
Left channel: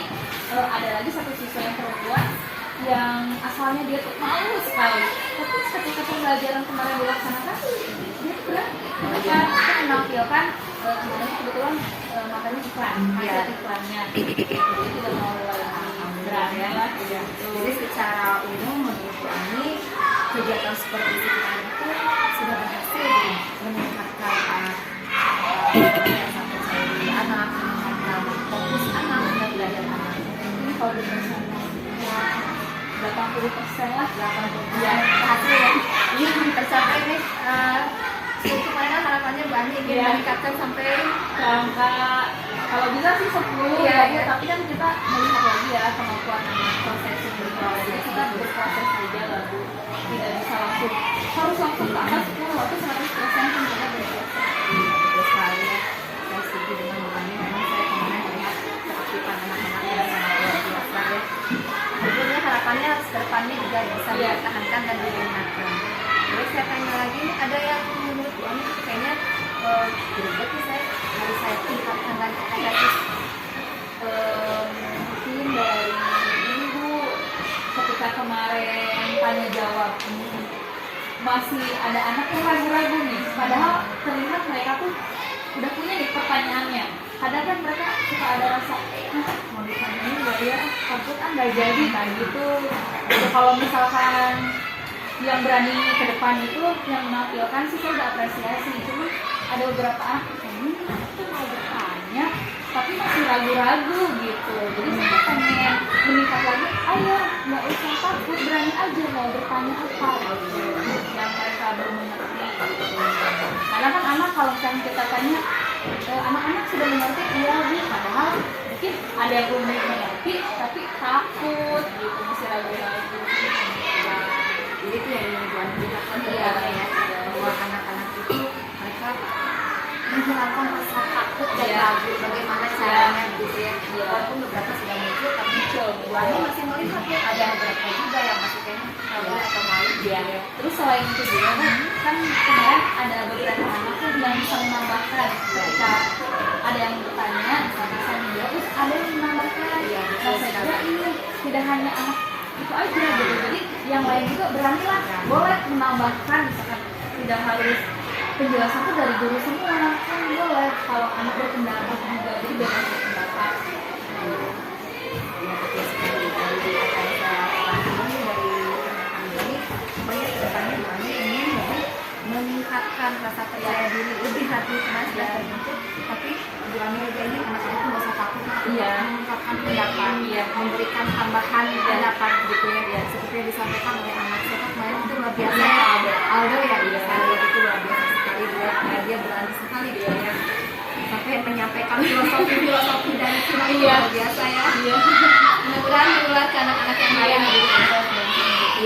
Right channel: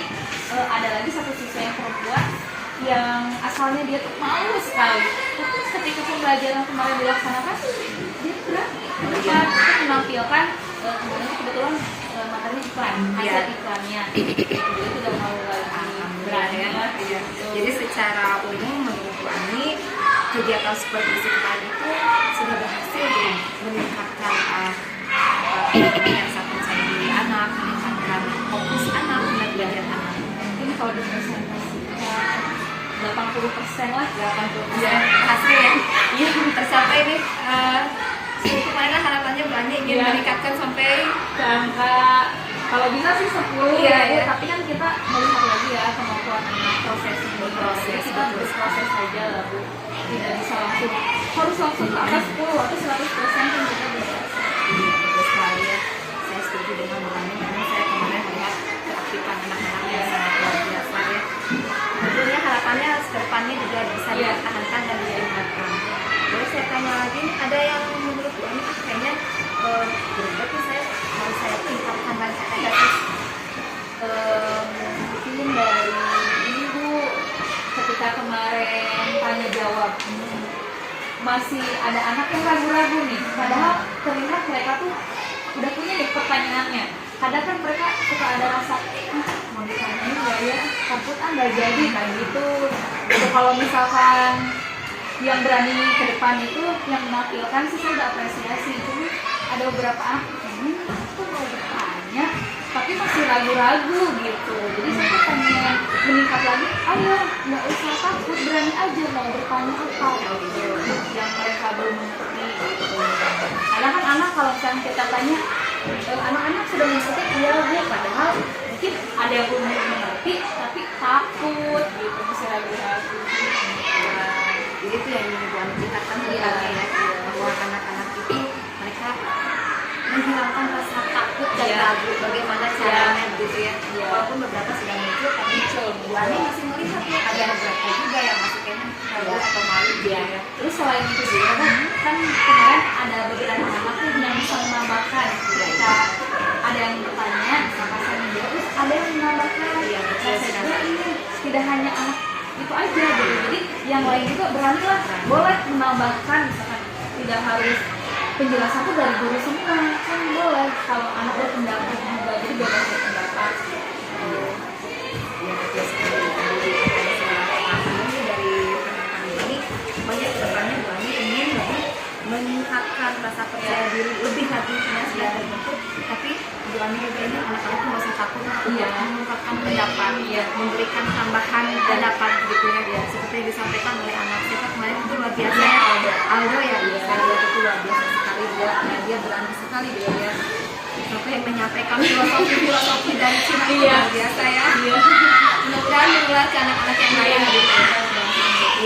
ada lagi satu siswa yang perempuan yang asalnya dia tuh malu sekali, tapi ketika pembelajaran kemarin dilaksanakan dia berani menampilkan kemarin kebetulan materinya iklan, hasil iklannya, jadi tidak mau lagi berani ya. Jadi secara umum menurut Bu Ani kegiatan seperti iklan itu sudah berhasil meningkatkan yang sangat percaya diri anak, meningkatkan fokus anak dan belajar anak. Ini kalau di presentasinya 80% lah, 80% ya, berhasil ya. Iya, tercapai nih. Kemarin kan harapannya Bu Ani ingin meningkatkan sampai ke angka kalau bisa sih 10 ya, tapi kan kita melihat lagi ya kemampuan anak proses kita berproses saja lah Bu, tidak bisa harus langsung ke angka 10 atau 100% pun kita berproses. Iya betul sekali ya, saya setuju dengan Bu Ani. Memang saya kemarin melihat keaktifan anak-anak yang sangat luar biasa ya. Tentunya harapannya kedepannya juga bisa dipertahankan dan ditingkatkan. Terus saya tanya lagi, ada yang menurut Bu Ani kayaknya berarti harus saya tingkatkan lagi, ada nggak sih mungkin dari ini Bu, ketika kemarin tanya jawab masih ada anak yang ragu-ragu nih, padahal terlihat mereka tuh udah punya nih pertanyaannya. Kadang kan mereka suka ada rasa mau ditanyain nggak ya, takut nggak jadi kan gitu. Jadi kalau misalkan yang berani ke depan itu yang menampilkan sih saya udah apresiasi. Cuma ada beberapa anak ini tuh mau bertanya tapi masih ragu-ragu gitu. Jadi saya pengen meningkat lagi, ayo nggak usah takut, berani aja mau bertanya apa gitu yang mereka belum mengerti gitu. Karena kan anak kalau misalnya kita tanya anak-anak sudah mengerti, iya Bu, padahal mungkin ada yang belum mengerti tapi takut gitu, masih ragu-ragu. Jadi itu yang ingin Bu Ani ceritakan ya, bahwa anak-anak itu mereka menghilangkan rasa takut dan ragu bagaimana caranya gitu ya. Walaupun beberapa sudah muncul, tapi Bu Ani masih melihat ya ada beberapa juga yang masih kayaknya ragu atau malu gitu ya. Terus selain itu juga kan kemarin ada beberapa anak tuh yang bisa menambahkan ketika ada yang bertanya, maka saya menjawab, terus ada yang menambahkan. Nah, saya kira ini tidak hanya anak itu aja gitu, jadi yang lain juga beranilah boleh menambahkan, misalkan tidak harus penjelasan itu dari guru semua, kan boleh kalau anak berpendapat juga, jadi bebas berpendapat. Ya betul sekali. Tadi apa yang saya pahami dari rekan Bu Ani, banyak kedepannya Bu Ani ingin lebih meningkatkan rasa percaya diri lebih lagi karena sudah terbentuk, tapi Bu Ani juga ingin anak-anak nggak usah takut untuk mengungkapkan pendapat, memberikan tambahan pendapat gitu ya, seperti yang disampaikan oleh anak saya kemarin itu luar biasa ya, Aldo ya, saya lihat itu luar biasa sekali dia berani sekali gitu ya, sampai menyampaikan filosofi dari Cina itu luar biasa ya. Mudah-mudahan menular ke anak-anak yang lain gitu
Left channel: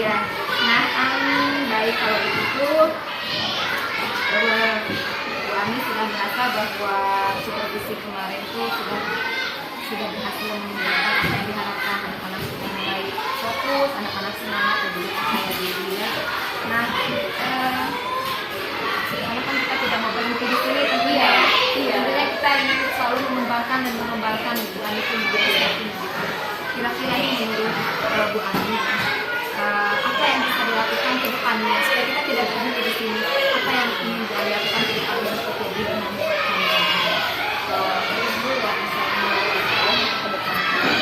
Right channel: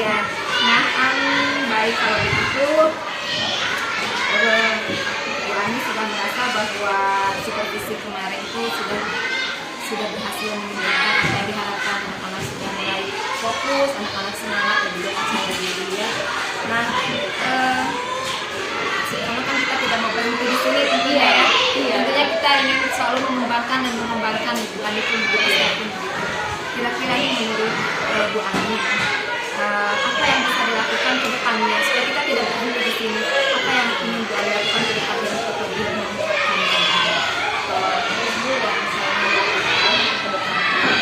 ya. Nah, baik kalau begitu Bu Ani sudah merasa bahwa supervisi kemarin itu sudah berhasil menunjukkan apa yang diharapkan, anak-anak sudah mulai fokus, anak-anak semangat dan juga percaya diri ya. Nah, karena kan kita tidak mau berhenti di sini tentunya ya. Tentunya kita ingin selalu mengembangkan Bu Ani pun begitu saya pun begitu. Kira-kira ini menurut Bu Ani apa yang bisa dilakukan ke depannya supaya kita tidak berhenti di sini, apa yang ingin Bu Ani lakukan ke depannya untuk lebih meningkatkan Ibu yang saya lakukan ke depannya,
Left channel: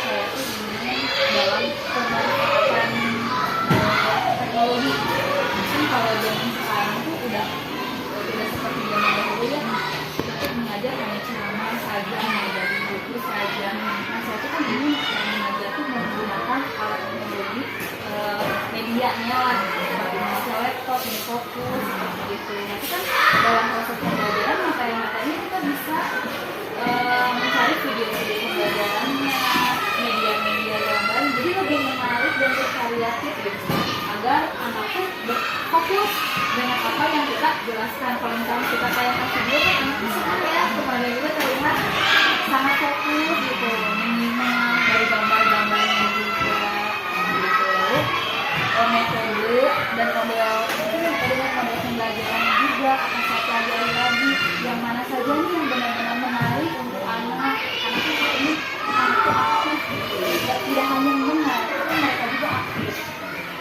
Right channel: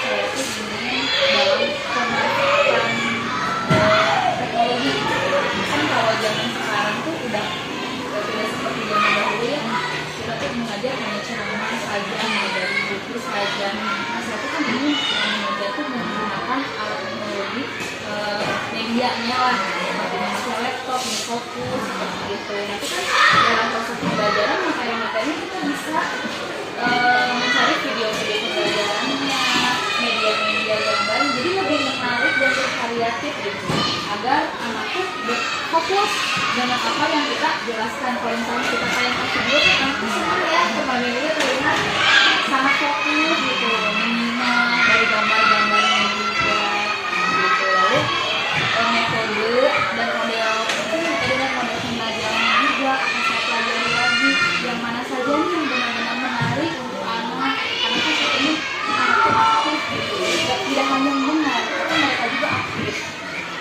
saya tuh ingin dalam pemanfaatan teknologi, kan kalau zaman sekarang tuh udah tidak seperti zaman dahulu ya, kita tuh mengajar hanya ceramah saja, hanya dari buku saja. Nah, saya tuh kan ingin mengajar tuh menggunakan alat teknologi, medianya lah, seperti memakai laptop, fokus, seperti itu. Nanti kan dalam proses pembelajaran materi-materi kita bisa mencari video-video pembelajarannya, media-media yang baru, jadi lebih menarik dan bervariatif gitu, agar anak tuh fokus dengan apa yang kita jelaskan. Kalau misalnya kita tayangkan video kan anak tuh senang ya, kembali juga terlihat sangat fokus gitu, menyimak dari gambar-gambarnya juga gitu. Lalu metode dan model pembelajarannya juga akan saya pelajari lagi, yang mana saja nih yang benar-benar menarik untuk anak, karena kan saya ini anak itu aktif gitu, tidak hanya mendengar tapi mereka juga aktif,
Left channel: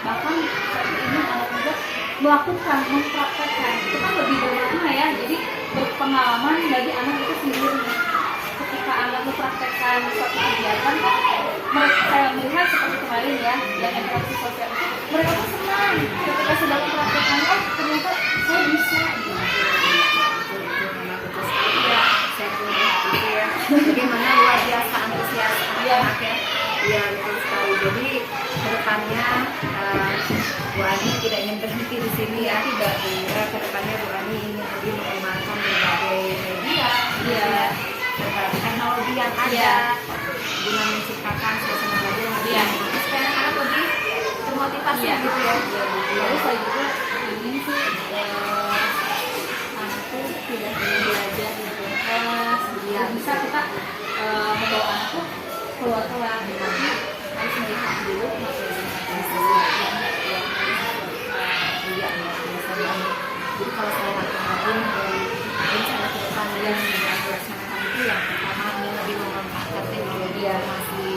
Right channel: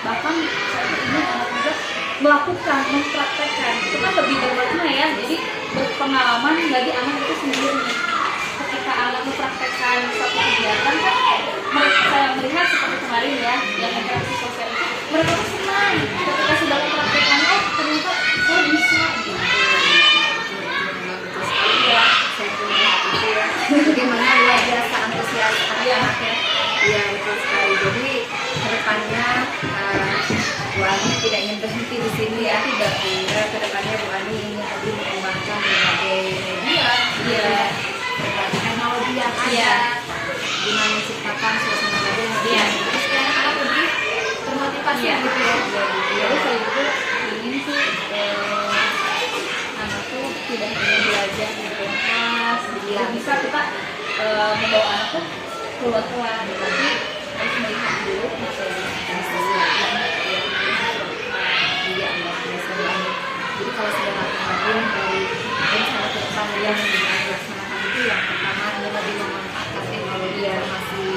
bahkan saya ingin anak juga melakukan, mempraktekkan, itu kan lebih bermakna ya, jadi berpengalaman bagi anak itu sendiri. Ketika anak mempraktekkan suatu kegiatan kan saya melihat seperti kemarin ya, yang interaksi sosial itu mereka tuh senang ketika sudah mempraktekkan, oh ternyata saya bisa gitu. Memang betul sekali ya, saya pun melihat itu ya, bagaimana luar biasa antusias anak-anak ya. Iya betul sekali. Jadi kedepannya Bu Ani tidak ingin berhenti di sini ya, tidak. Kedepannya Bu Ani ingin lebih mengembangkan berbagai media, berbagai teknologi yang ada, guna menciptakan suasana belajar yang lebih menarik supaya anak-anak lebih termotivasi gitu ya. Lalu saya juga ingin sih anak tuh tidak hanya belajar di kelas, bisa kita membawa anak tuh keluar tapi harus melihat dulu materi yang Iya, luar biasa banget. Jadi kalau saya rangkum lagi dari rencana ke depan yang dilaksanakan itu, yang pertama ini lebih memanfaatkan teknologi informasi,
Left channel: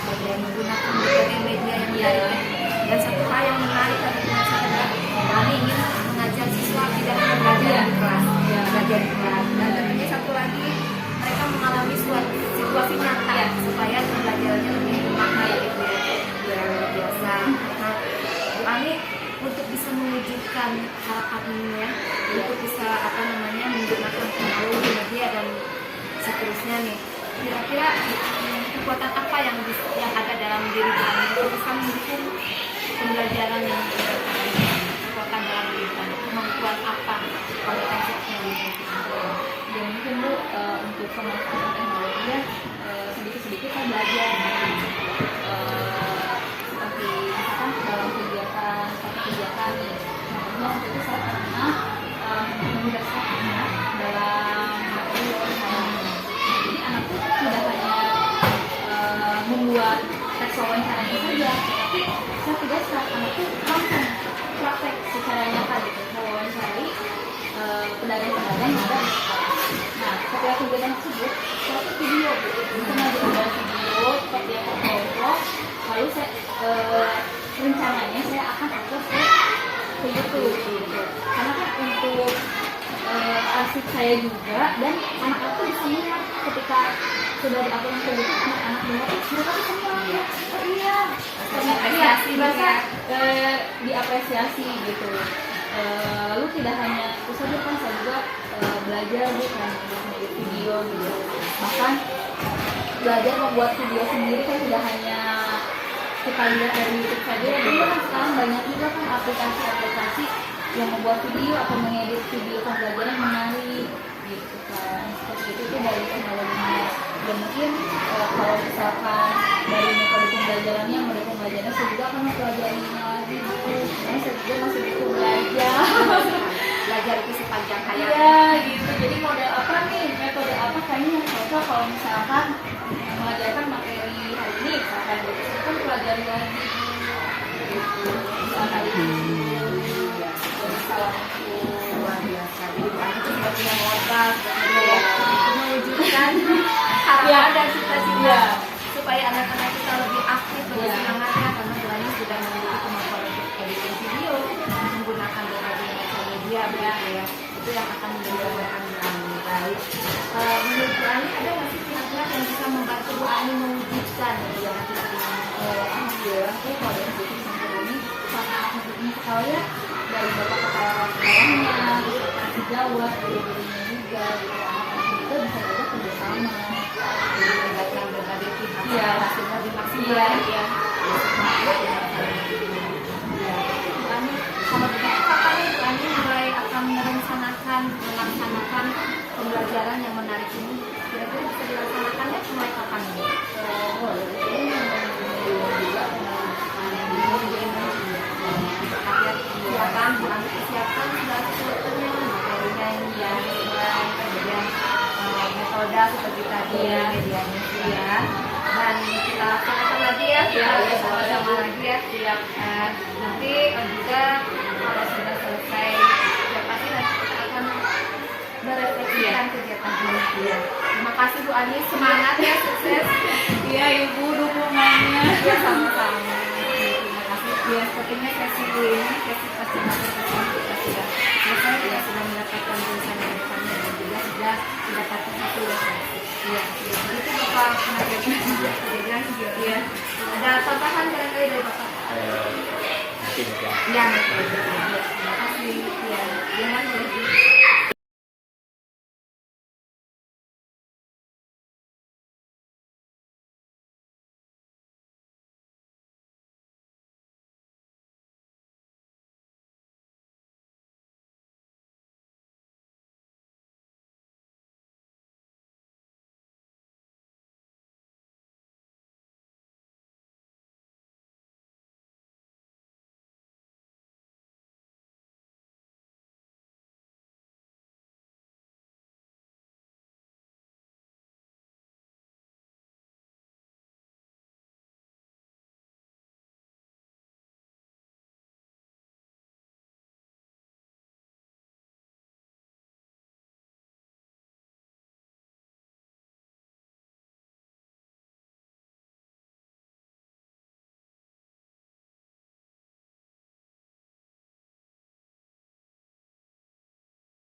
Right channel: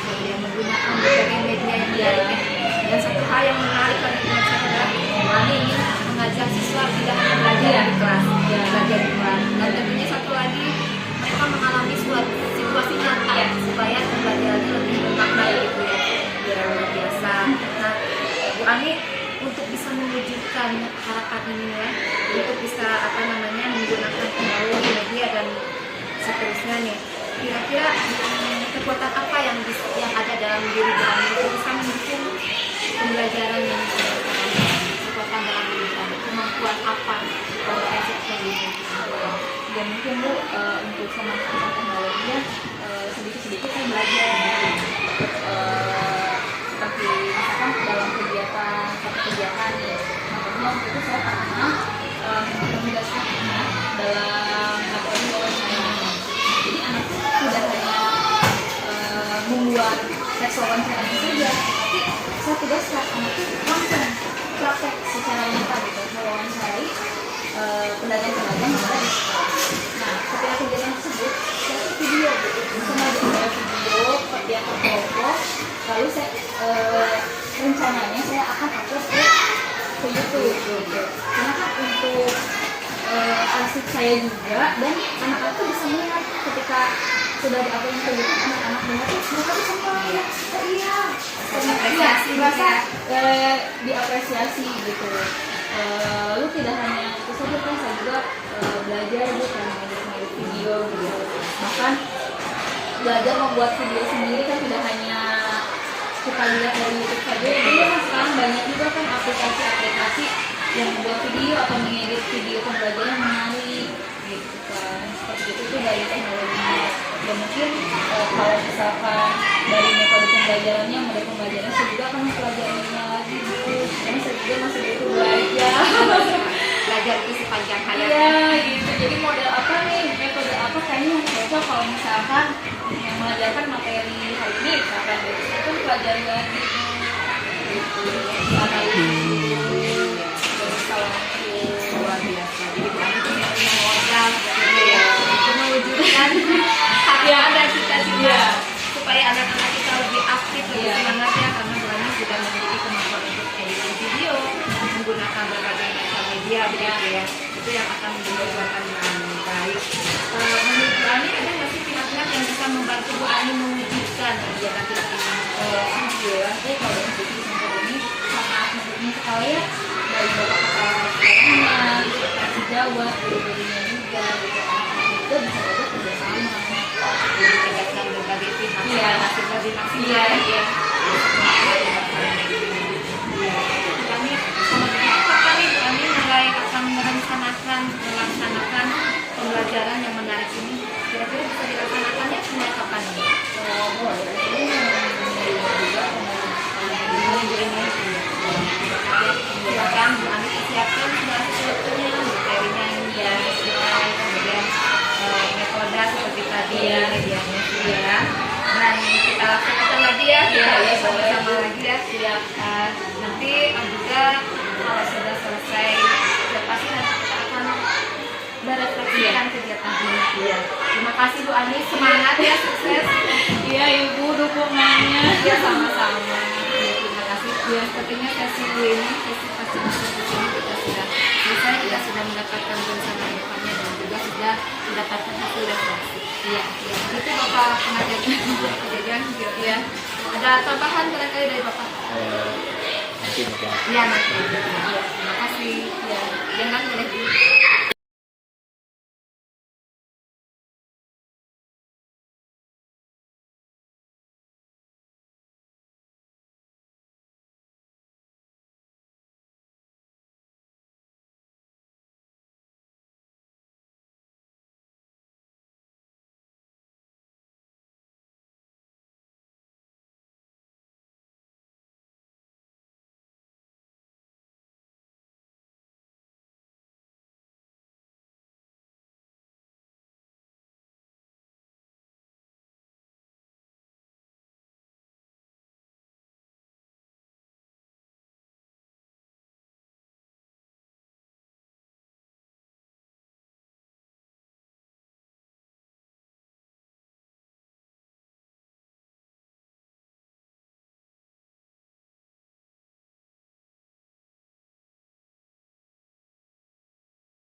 kemudian menggunakan berbagai media yang menarik. Dan satu hal yang menarik lagi menurut saya adalah Ani ingin mengajak siswa tidak hanya belajar di kelas, belajar di kelas. Dan tentunya satu lagi, mereka mengalami suatu situasi nyata supaya pembelajarannya lebih bermakna gitu ya. Luar biasa. Nah, Bu Ani untuk bisa mewujudkan harapan ini ya, untuk bisa menggunakan teknologi media dan seterusnya nih, kira-kira kekuatan apa yang ada dalam diri Bu Ani untuk bisa mendukung pembelajaran yang kekuatan dalam diri Bu Ani, kemampuan apa, kompetensi yang dimiliki? Ya mungkin Bu, untuk pemanfaatan teknologi ya sedikit-sedikit saya belajar seperti misalkan dalam satu kegiatan ya, contohnya waktu itu saya pernah menugaskan anak dalam materi wawancara. Jadi anak itu tidak hanya membuat teks wawancara itu saja, tapi saya tugaskan anak itu langsung praktek secara nyata gitu, mewawancarai pedagang-pedagang yang ada di sekolah. Nah, ketika kegiatan tersebut, saya tuh video, sengaja video yang terkelompok, lalu saya rencananya saya akan upload ke YouTube. Karena kan untuk arsip saya juga, dan anak-anak tuh bisa melihat ketika sudah diupload ke YouTube, anak-anak melihat mereka tuh senang ya, oh iya, Apresiasi merasa juga. diapresiasi gitu. Lalu tidak hanya itu saja kan, saya juga belajar bukan edit video gitu, bahkan belajar membuat video sendiri kan tidak hanya kita lihat dari YouTube saja, jadi kan sekarang banyak juga kan aplikasi-aplikasi yang membuat video atau mengedit video pembelajaran menarik gitu kan, seperti itu dari teknologinya. Dan mungkin kalau misalkan dari metode pembelajarannya saya juga akan mempelajarinya lagi gitu, karena saya juga masih butuh Belajar itu sepanjang hayat. Iya gitu. Jadi model apa nih, metode apa kayaknya yang cocok kalau misalkan yang mengajarkan materi hari ini, misalkan gitu, itu kan pelajari lagi gitu. Luar biasa. Jadi Bu Ani punya modal sebenarnya ya untuk mewujudkan harapan dan cita-cita supaya anak-anak kita lebih aktif, lebih semangat ya, karena Bu Ani sudah memiliki kemampuan untuk editing video, menggunakan berbagai macam media begitu ya. Itu yang akan menjadi Bu Ani. Baik. Menurut Bu Ani ada nggak sih pihak-pihak yang bisa membantu Bu Ani mewujudkan kegiatan kita ini? Alhamdulillah sih kalau dari sisi ini sangat mendukung sekali ya, dari Bapak Kepala Sekolahnya, Sekretaris Jawa, guru-gurunya juga, itu bisa juga kerjasama. Jadi melibatkan berbagai pihak masing-masing Iya. ya. Kami sama begitu kapan nih kami mulai akan melaksanakan pembelajaran yang menarik ini? Kira-kira bisa dilaksanakannya mulai kapan nih? Silakan Bu Ani siapkan segala sesuatunya, materinya ya, kemudian metode seperti tadi ya, ya. Dan kita laksanakan lagi ya, sama-sama lagi ya. Siap. Nanti juga kalau sudah selesai, ya pasti nanti kita akan merefleksikan kegiatan ini. Ya. Terima kasih Bu Ani, semangat ya, sukses. Iya Ibu, dukungannya. Ya sama-sama. Terima kasih. Ya sepertinya sesi ini kita sudah selesai, kita sudah mendapatkan tulisan yang depannya dan juga sudah mendapatkan satu referensi. Iya. Itu Bapak pengajar kejadian ya. Ada tambahan barangkali dari Bapak? Iya nanti. Terima kasih. Ya, jangan boleh.